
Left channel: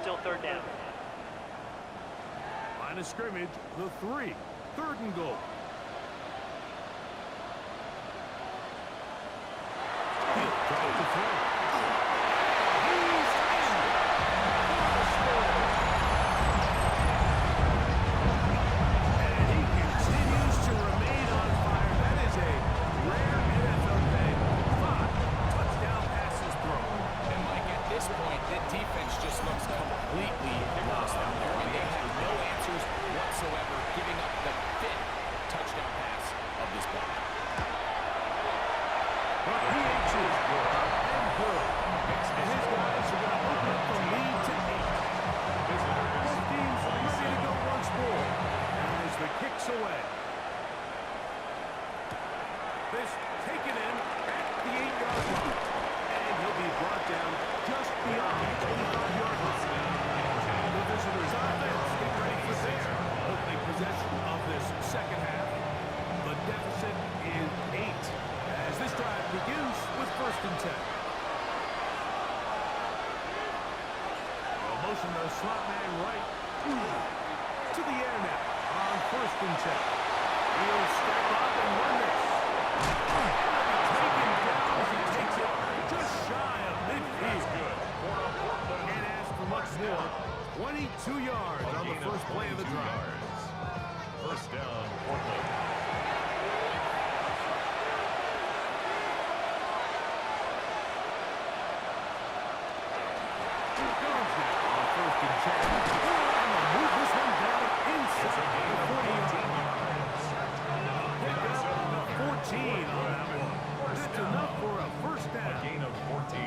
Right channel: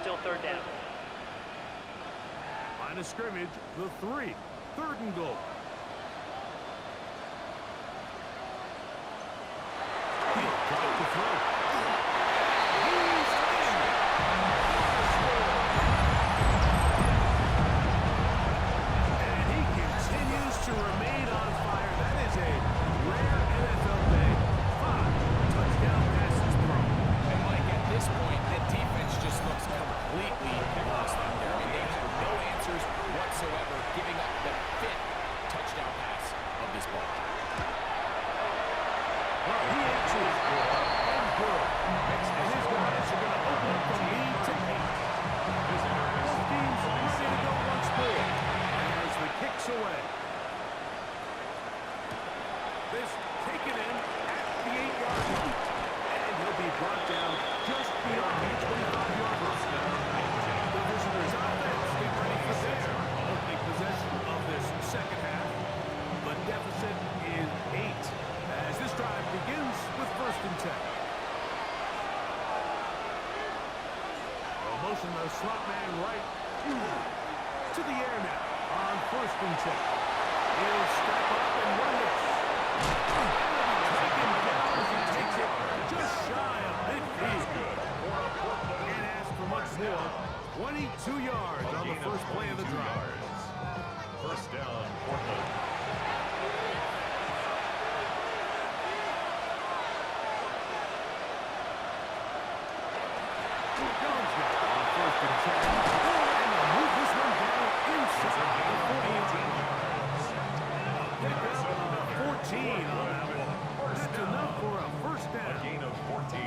Still 3rd down. Line of scrimmage, the 3. 3rd and goal. He'll drop the throw. He's in. What a score. And he continues to remain on fire. That is a rare NFL day. 5 touchdown passes thrown. And Mike, at this point, the defense just looks completely lost out there. I mean, they have no answers whatsoever, giving up the 5th touchdown pass of this ball. But PH is good and good. And his guys are going to open up the lead to 8. Both teams ready to go once more as the kick's away. This taken in at the 8-yard line. And he'll be brought down just beyond the 25-yard line. The visitors' offense get ready for their opening possession of this second half. The deficit is 8 as this drive begins with 1st and 10. pushing the slot man right to the air now on 1st and 10. He'll step up and run this. And he'll be taken down as he takes it just shy of midfield. Can't ask for much more. 22 yards on the first play of the drive. First down, Portland. Jones now on 1st and 10. And they'll move this one down inside the 40-yard line. Pick up 14 on that one. That's enough for a first down. A gain of 14.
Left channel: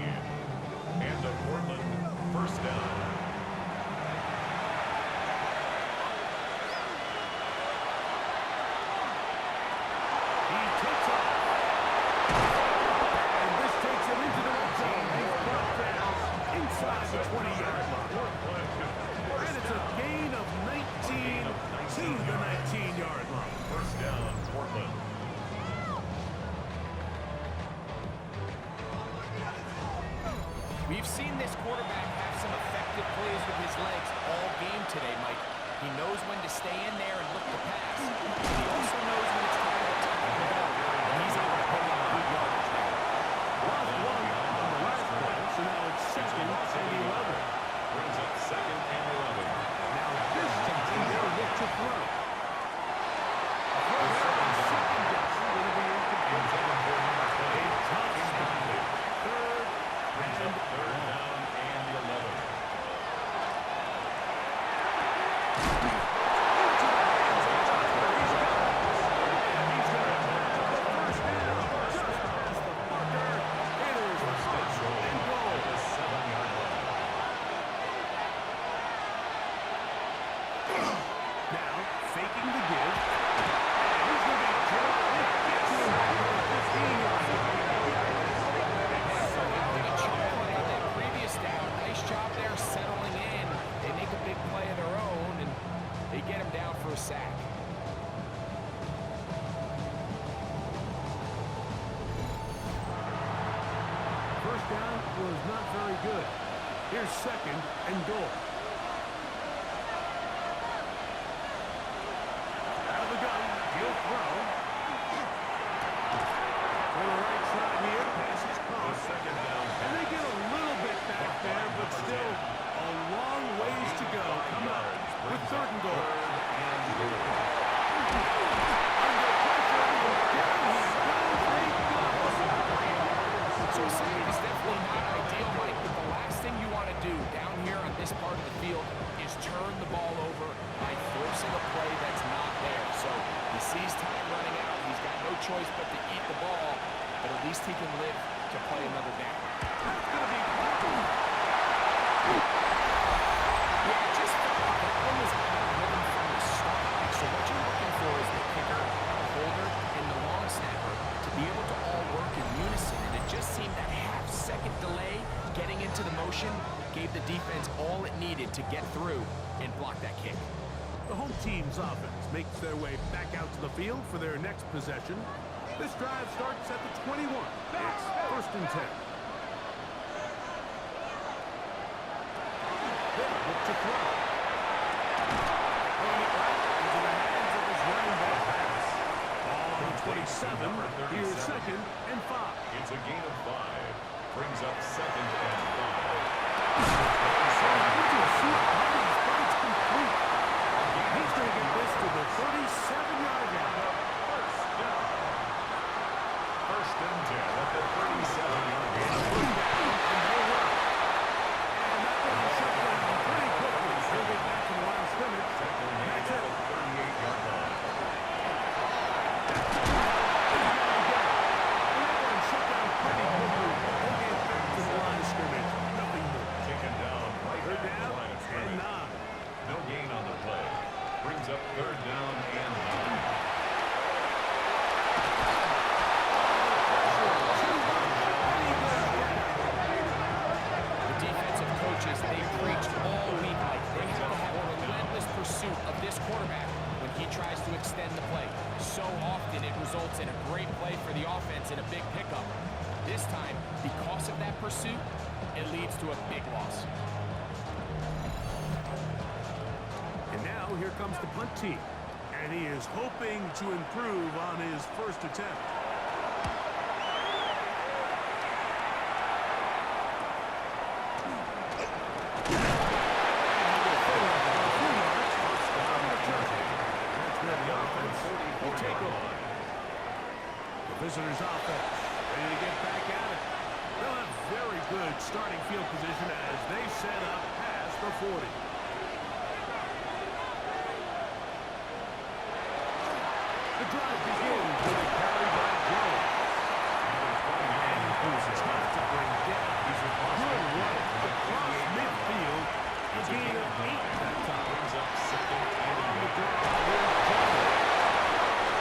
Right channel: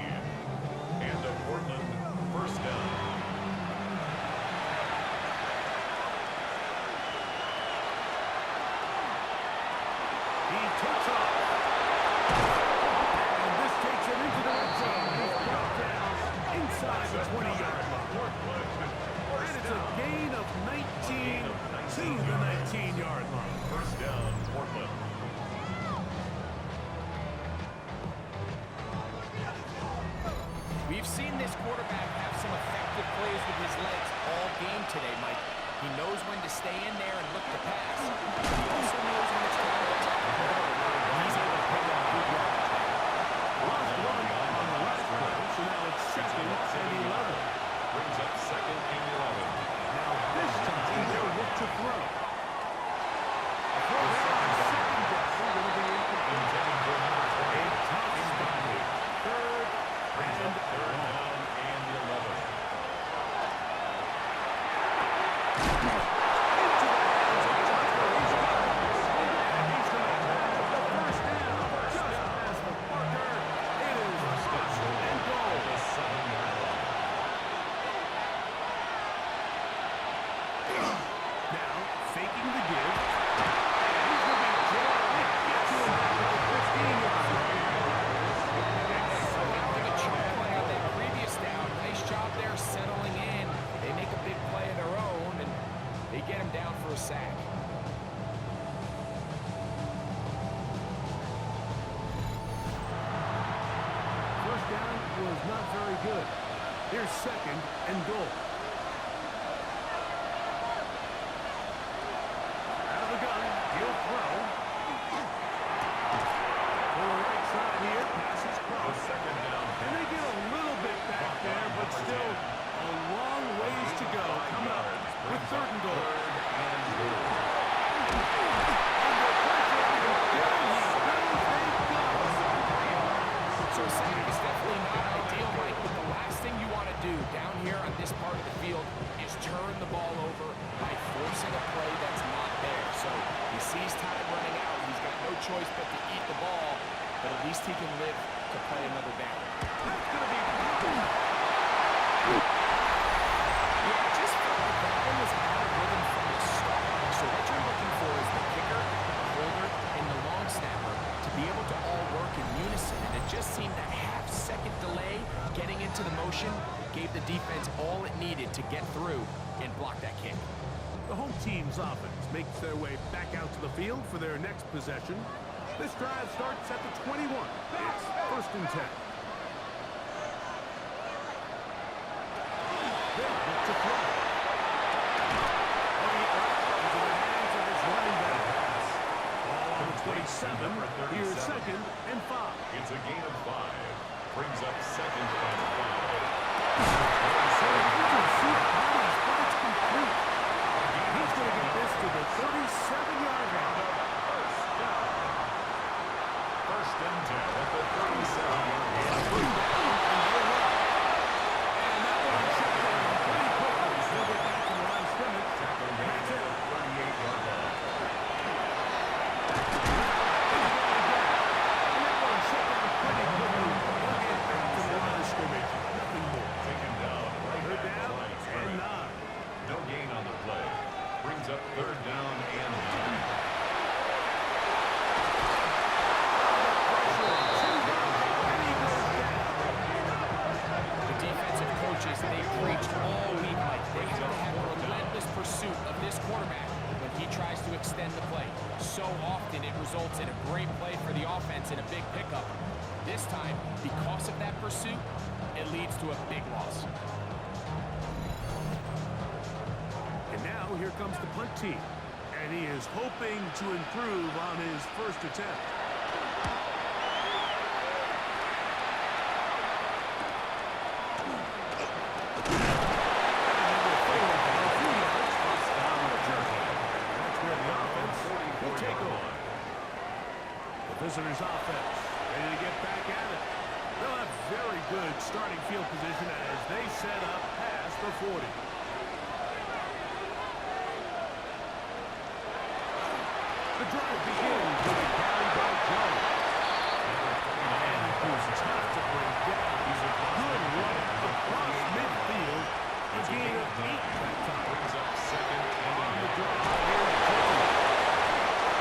And a Portland first down. He takes off. And this takes him into the red zone. He's brought down inside the 20-yard line. And it's a gain of 19 to the 19-yard line. First down, Portland. We've seen this quarterback have some effective plays with his legs all game today, Mike. He knows when to stay in there and look to pass. He also knows when it's time to tuck and go. And he's able to pick up good yardage there. Lost one on the last play, so now it's 2nd and 11. Brings up 2nd and 11. Now this time they'll look to throw. A throw there on 2nd down. Going to be Intended for number 20. a tough spot. 3rd Brings up 3rd down and 11. Into the hands of Tucker. He's got it. And he's going to have the first down. Just past the marker. It is first and goal. At the 7-yard line. Now faking the give. And he's going to be jailed. It gets him back to the 15-yard line. Allowing a chunk play on that previous down. Nice job there settling in. They make a big play of their own, and they get him down for a sack. First down was not very good. Here's 2nd and goal. Out of the gun, he'll throw. For the right side here, pass is The crossed. 2nd down. And they get a little bit back there, but still a long ways to go. Coming up with 3rd and goal. And goal. Under pressure, and there he goes. They go. So a sack is definitely not ideal, Mike, but the last thing you want to do down here on this part of the field is turn the ball over by forcing a play that's not there. So he sees time running out. He's got no choice but to eat the ball, but at least he can live to play another down. That's going to be Yeah, it just felt like that one was out of rhythm from the start, Mike. So what you're looking for is the kicker, the holder, and the long snapper to be able to all work in unison. And it just seemed that half-second delay getting into the motion gave the defense all it needed to get through and block that kick. The home team's offense makes their way back out to the field for their next possession. This drive starts at the 21. It's 1st and 10. They'll look to throw. Throwing it right into the hands of his running back. Ball on the 27. Here's 2nd and 5. It's a gain of 5. Brings up 2nd and 5. Throwing into a few bodies, but it's complete. He's going to get this to the 37-yard line. First down. 1st and 10 at the 37-yard line. First down, and they'll run. And that one shut down pretty quickly. He'll get back to the line of scrimmage. Tackle made That's at it. the 38-yard line. He's got it again. And that one shut down pretty quickly. He'll get back to the line of scrimmage. Nothing more. Taken down right Third at the down line of and scrimmage. 9. No gain on the play. Brings up 3rd down and 9. The defensive coaches, they preached all week, Mike. They have to have a relentless pursuit of this quarterback when he tries to extend the play. So often it results in a great play for the offense and a big pickup. This time, because of that pursuit, it leads to a big loss. And now here comes the punt team. And he is hoping to improve on his first attempt. That's where the offense will take over. The visitors' offense ready to get back at it. They'll have very good starting field position as they set up past the 40. The drive begins with a carry by Jones. And who's tough to bring down. Good run across midfield. A gain of 8 that time. Brings up second and On the draw, here's Jones.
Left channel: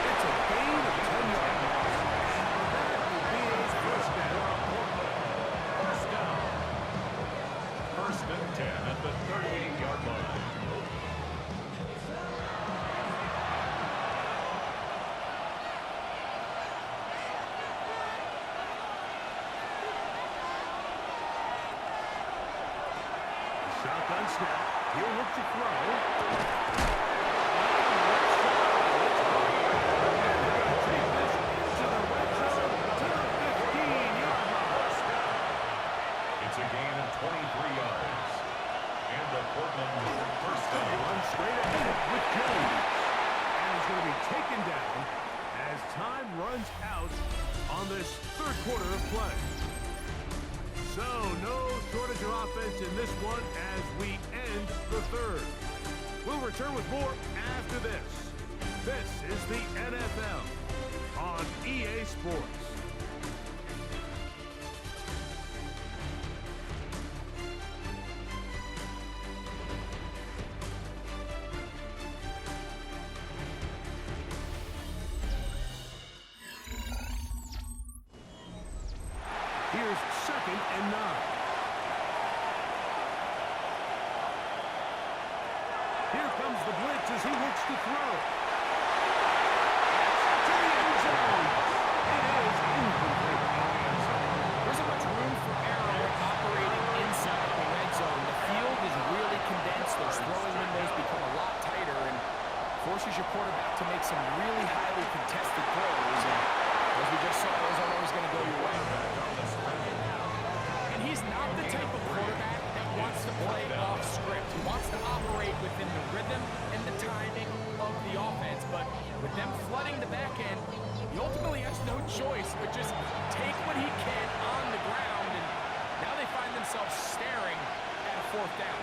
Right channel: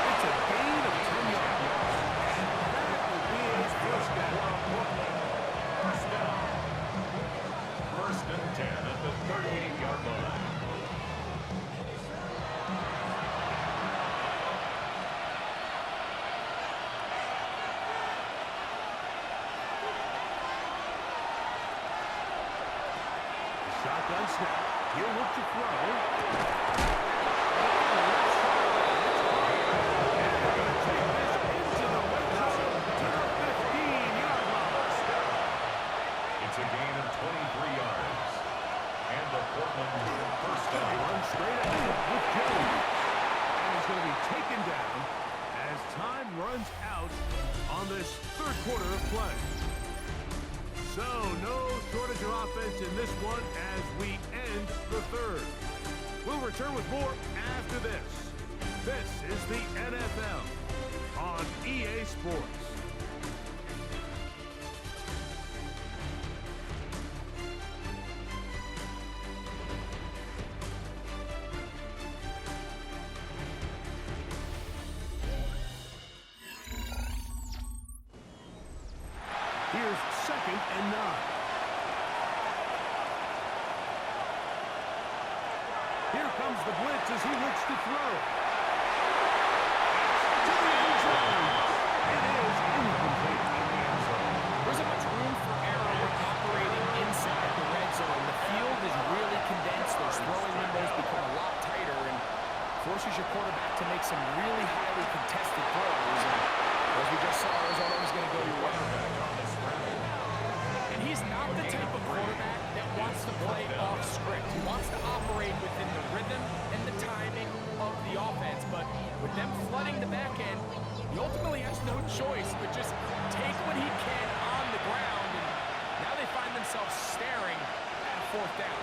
It's a gain of 10 yards. And that will be his first down. First down. First and 10 at the 38-yard line. Shotgun snap. He'll look to throw. And they're going to take this into the red zone to the 15-yard line. It's a gain of 23 yards. And the Portland first They down. run straight ahead with Jones. And he's going to be taken down as time runs out on this third quarter of play. So, no shortage of offense in this one as we end the third. We'll return with more after this. This is the NFL on EA Sports. Here's second and 9. Here comes the blitz as he looks to throw. To the end zone. It is incomplete in the end zone. There isn't much room for error when operating inside the red zone. The field is really condensed. Those throwing windows become a lot tighter and forces your quarterback to make some really highly contested throws. And as we just saw, those aren't always going to go your way. And he's not the type of quarterback that wants to play off script. He wants to operate within the rhythm and the timing of the offense. But with them flooding the back end, he ultimately has no choice but just take what he can on the ground. And now they find themselves staring at a fourth down.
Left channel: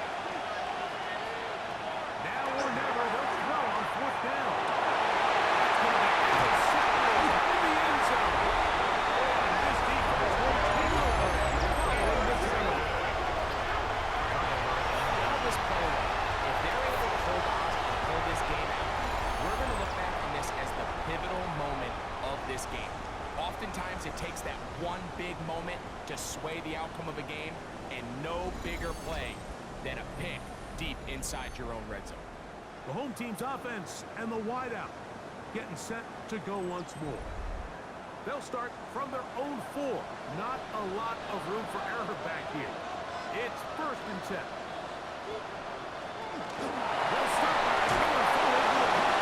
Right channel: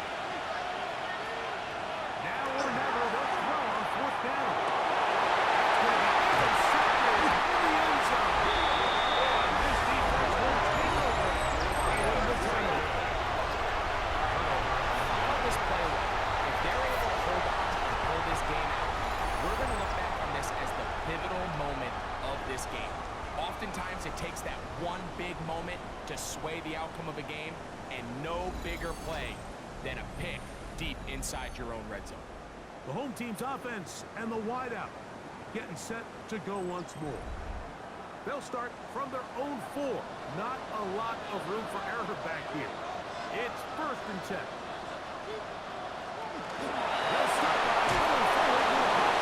Now or never, they'll throw on fourth down. That's going to be intercepted in the end zone. And this defense will take over following the turnover. All this play away, if they're able to hold on and pull this game out, we're going to look back on this as the pivotal moment of this game. Oftentimes, it takes that one big moment to sway the outcome of a game, and no bigger play than a pick deep inside your own red zone. The home team's offense and the wideout getting set to go once more. They'll start from their own 4. Not a lot of room for error back here. It's first and 10. They'll start by going forward with a pop.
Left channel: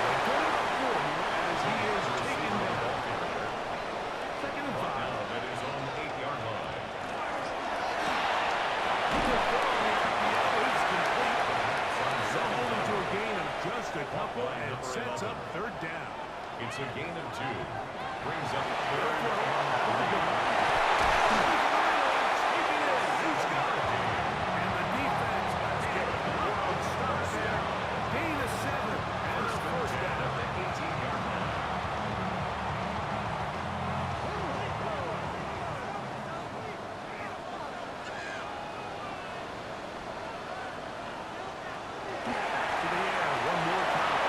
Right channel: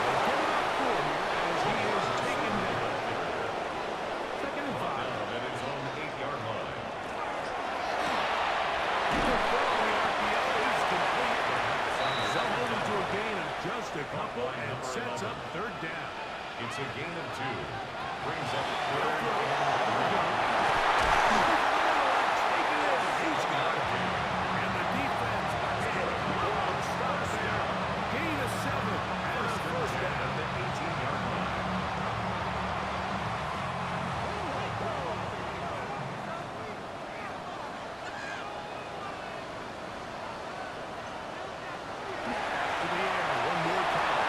They'll get it up 4 here as he is taken down. Second and 5. That is on the 8-yard line. The throw on the RPO is complete. They'll hold him to a gain of just a couple and sets up third down. It's a gain of 2. Brings up They'll third throw. and 3. Over the middle and take it in. He's got it. And the defense has got a lot of stuff there. Gain of 7 and a first down. At the 18-yard line. To the air one more time.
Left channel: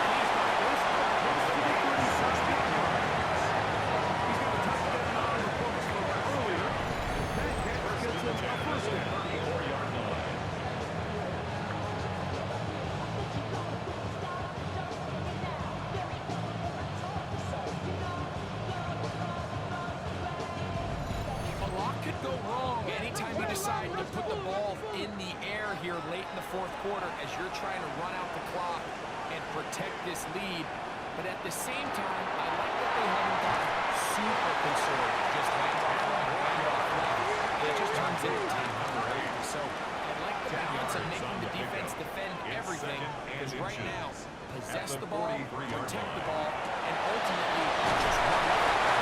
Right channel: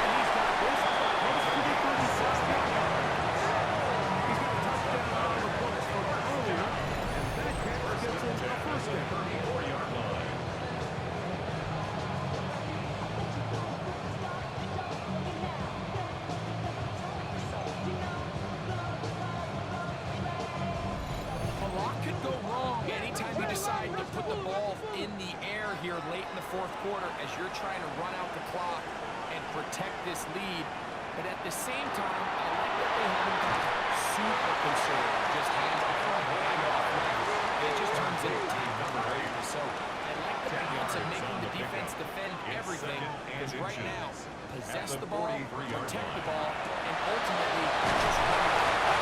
And he's got this up close to the 36-yard line. He's got a touchdown on the books from earlier anytime you decide to put the ball in the air here late in the fourth quarter as you're trying to run out the clock and protect this lead, but at the same time, I like that they haven't got super conservative, just hands off right, hand off left. It just turns into tackle practice. So I like the balance of making the defense defend everything, because right now, possess the ball, protect the ball, and ultimately just run the clock.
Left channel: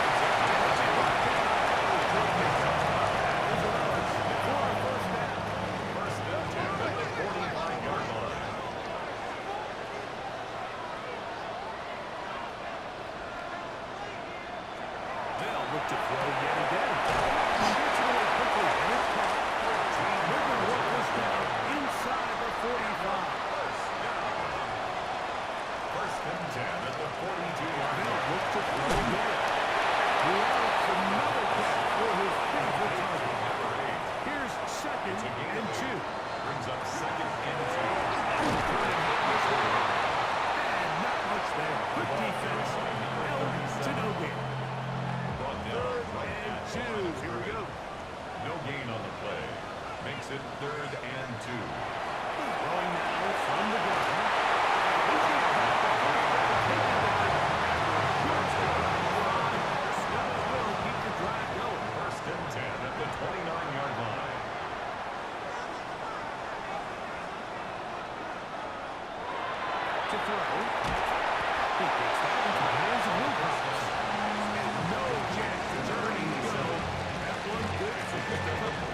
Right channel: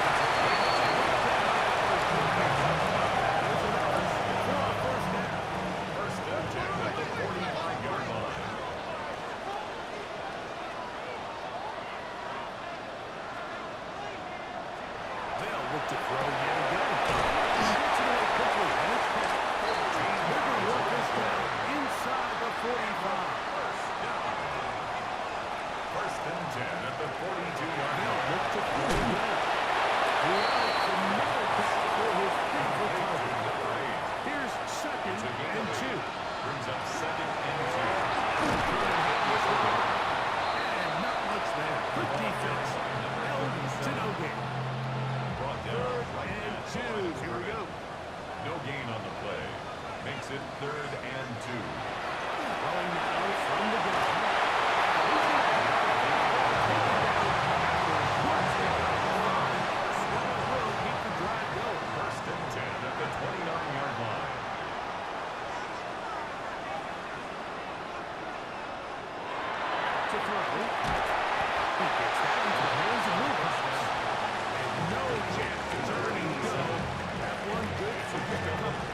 First and 10 at the 45-yard line. They'll look to throw yet again. He gets it away quickly, and it's caught. They're going to work this down inside the 45. First down. First and 10 at the 42-yard They'll line. look to throw again. It's another catch for his favorite target. Number 8. Here's second It's a gain and of 2. 8. Brings up second and 2. And not much there. Good defense. Held to no gain. Brought down Third right and at 2. the line of Here we go. scrimmage. No gain on the play. Makes it third and 2. Throwing now from the ground. And he's going to have the ball taken down after a short stick on the line. That will keep the drive going. First and 10 at the 29-yard line. To throw. He gets that into the hands of Wilcox. And no chance to turn and go. That one good for just a couple.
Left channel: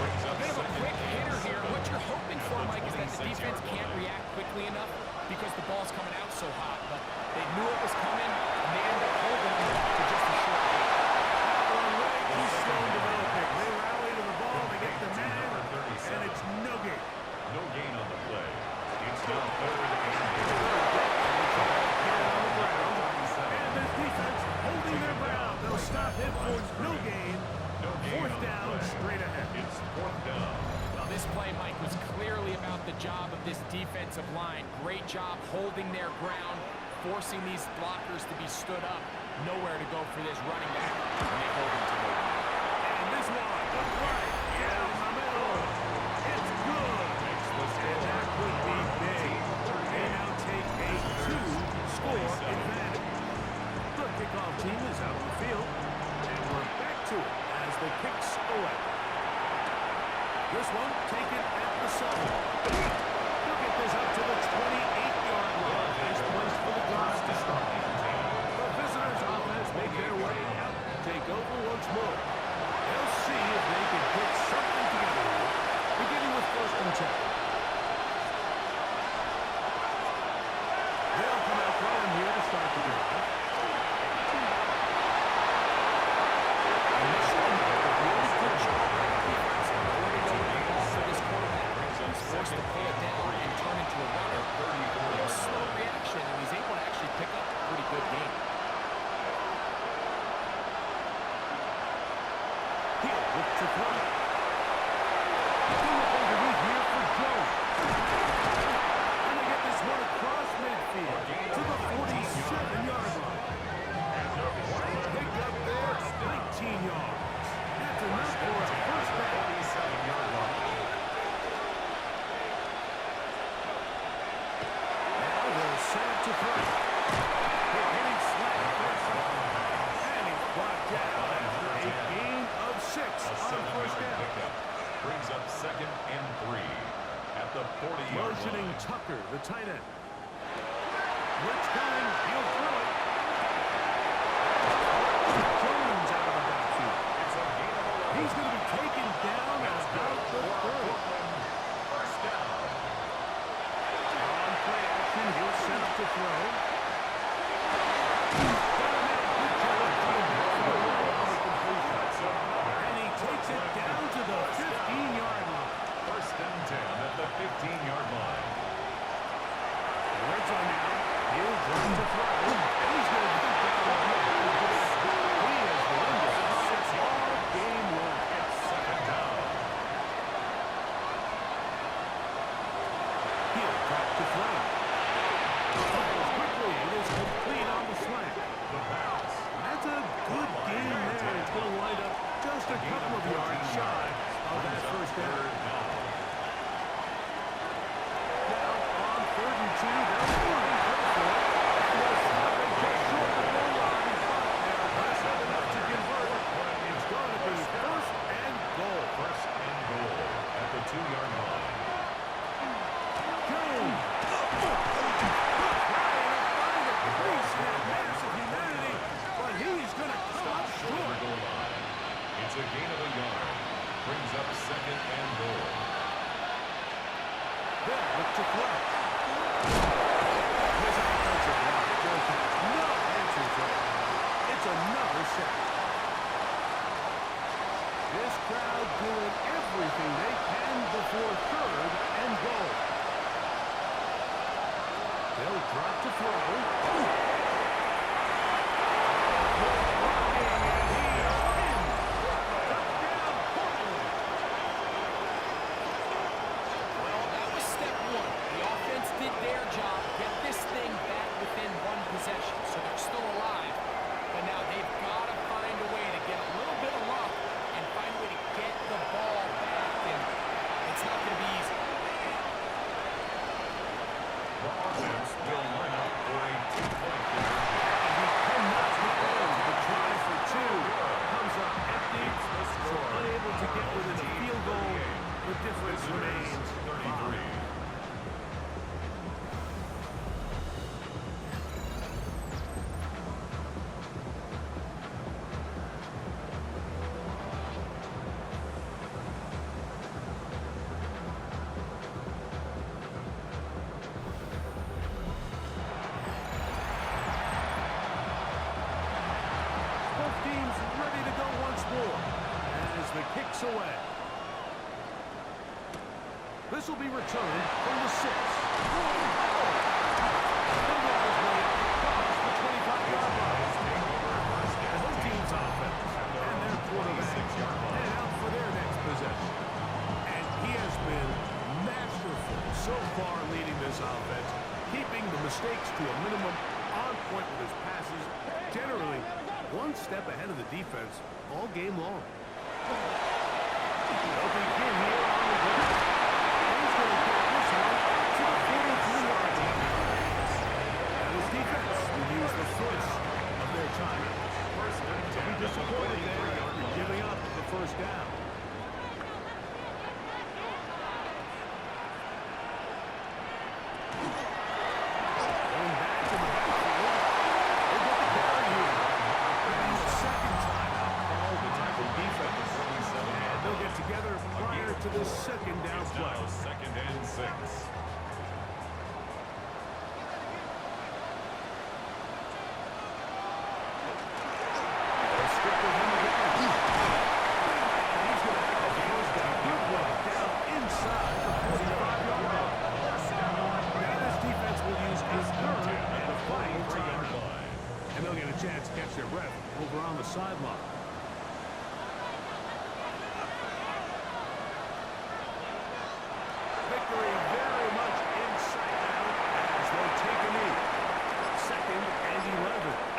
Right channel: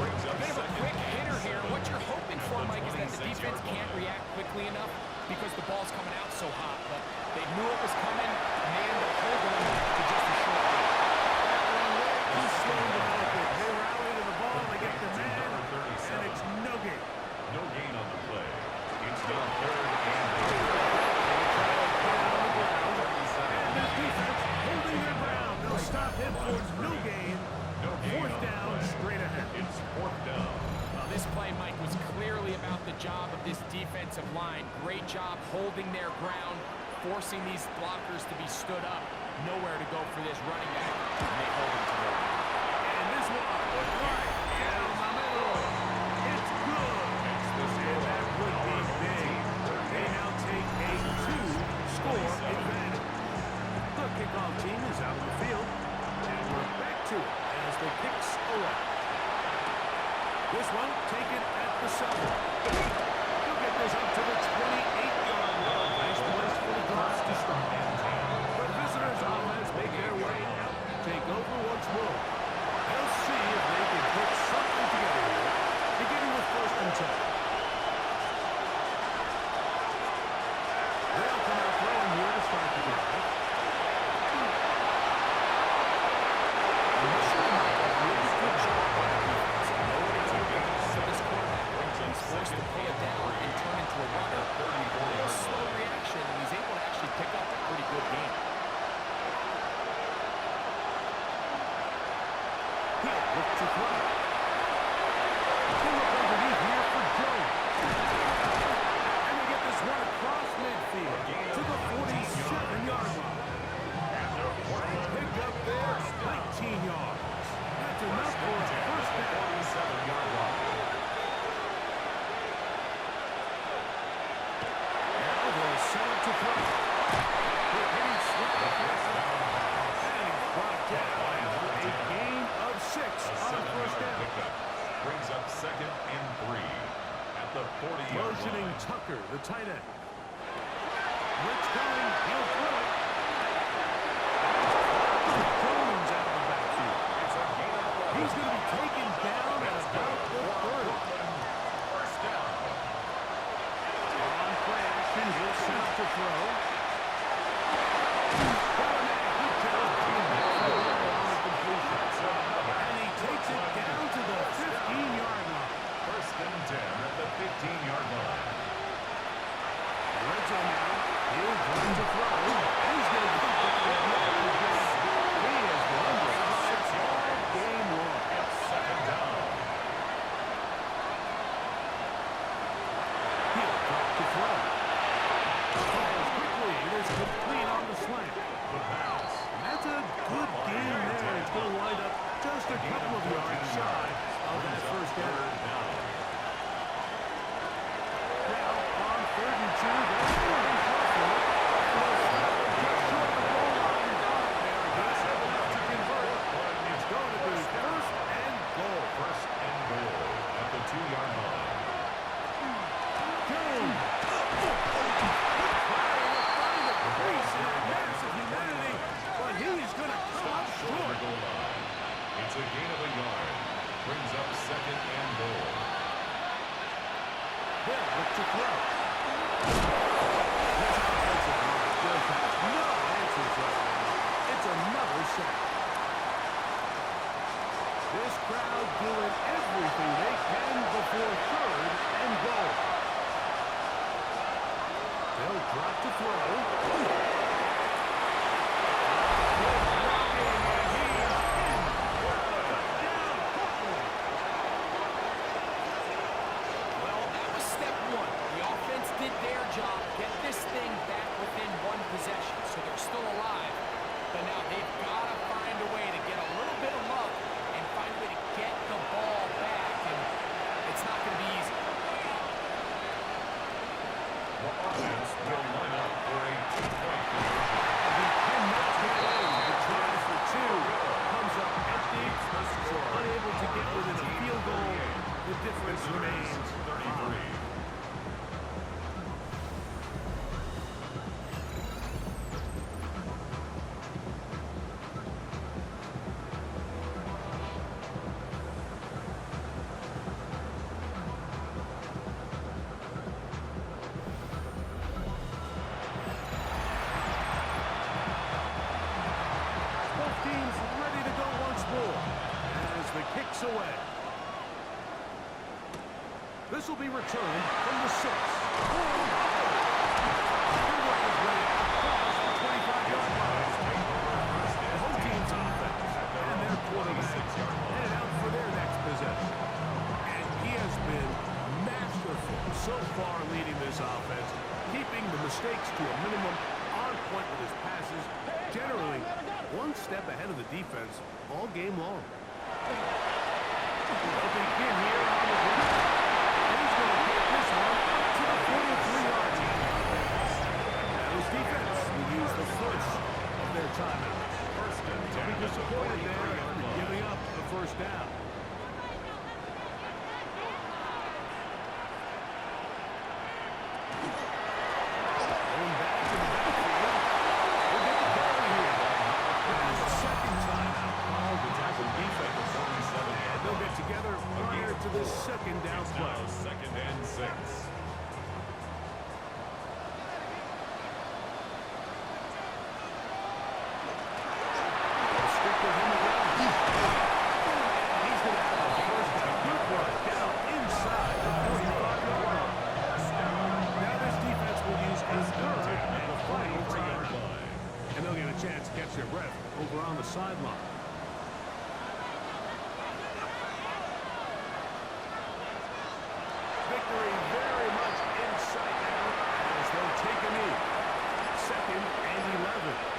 Brings up Bit of a second quick and hitter here. 7. What you're hoping At for, the Mike, is that the 26-yard defense can't line. react quickly enough because the ball's coming out so hot. But they knew it was coming, and they ended up holding him to just a short gain. That one way too slow developing. They rally to the ball, they get the man, Number 37. and it's no gain. No gain on the play. It's now third and 8. They'll try to get it on the ground. 37. And this defense holding their ground. They'll stop him for no gain. No gain Fourth on the down, play. straight ahead. It's fourth down. Well, this play, Mike, was clearly about the job of this defensive line. Great job holding their ground, forcing these blockers to be stood up. Nowhere to go for this running back, and they hold him to no gain. And this one, right down the middle. It's good. And that would be big. They now take a 2-score advantage. The kickoff team is out on the field. And we're back to it as the kicks away. This one taken at the 7. He'll get this up to the 28-yard line. Nice place for the drive to start. The visitors' offense make their way out to take over once more. They'll see if they can put something together here, beginning with first and 10. They'll come out throwing here to start the drive. Initially, Mike, a really good job by the defense. Nowhere to go with the ball for this quarterback. He's forced to pull it down and turn into a runner. A little slow reaction, and he's able to actually pick up a pretty good game. He'll look to throw. He'll look underneath here for Jones. And they get this one across midfield to the 47-yard line. Picked up there, 19 yards. That's enough for a first down. 47-yard line. Now they'll set up to throw. They're hitting slant there. And he's brought down after a gain of 6 on first down. Pickup. Brings up second and 3 at the 40-yard Motioning line. Tucker, the tight end. Blitz coming. He'll throw it. Jones out of the backfield. It's a gain of 11. He's going to be taken down at about the 30. First down. On play action, he'll set up to throw. Got a man. Good job coming back from the line on the completion. And he takes it down to the 15-yard line. First and 10 at the 15-yard line. Red zone now. He'll try to throw. And he's going to put down the ball. He has been under fire all game long. It's second down. He'll drop to throw. Fires quickly it is complete on the slant. The pass. That's a good game there. It's going to wind up just a couple of yards shy of that first down. Now, on 3rd and 2, they're running close for it. And they'll stop it just short of the goal line, but they are aggressive enough to convert. It's going to be 1st and goal. 1st and goal at the 2-yard line. Jones trying to find a crease in that massive humanity, but he's going to come up Short of short. the goal line. It's a gain of a yard. Brings up 2nd and goal. They'll look to throw. This offensive line just has no answers right now. It's another sack. This crowd doing everything they can before 3rd and goal. They'll drop to throw. Good blocking, and he's in. Touchdown, Portland. Well, that was step 1. The offense did their job, get this thing back within 1 possession, so they're still alive. But now they've got to find a way to get a little bit of luck and find a way to get the ball back, and it's not going to be easy. The offense will line up for a 2-point conversion. And he cannot get in. The try for 2 comes up empty, so unable to get within a field goal. The difference remains 33. Both teams ready to go once more as the kick's away. This will be returned from the 6. He'll work his way across the 25-yard line. The home team's offense and their quarterback headed out for their next possession. And he has been masterful so far leading this offense, keeping the mistakes to a minimum, on point with his passes, generally 1 step ahead of the defense all game long. They'll begin here on the ground. And he's going to get this one up to the 43-yard line. Now his defense will use the first of their timeouts. They'll be disappointed there after giving up the first down. Going back to the backfield. He'll get the carry here. Now the 2nd timeout called the tackle defense. And they'll get together prior to the 2nd down play. Now 2nd and 6. They'll stick with him again. And he's going to have a first down. Good run down inside the 45-yard line. Now this defense will use a 3rd and the final timeout. And they'll get a chance to catch their breath over on the sideline. Victory very much in sight now as they'll take a knee. 2nd and 11.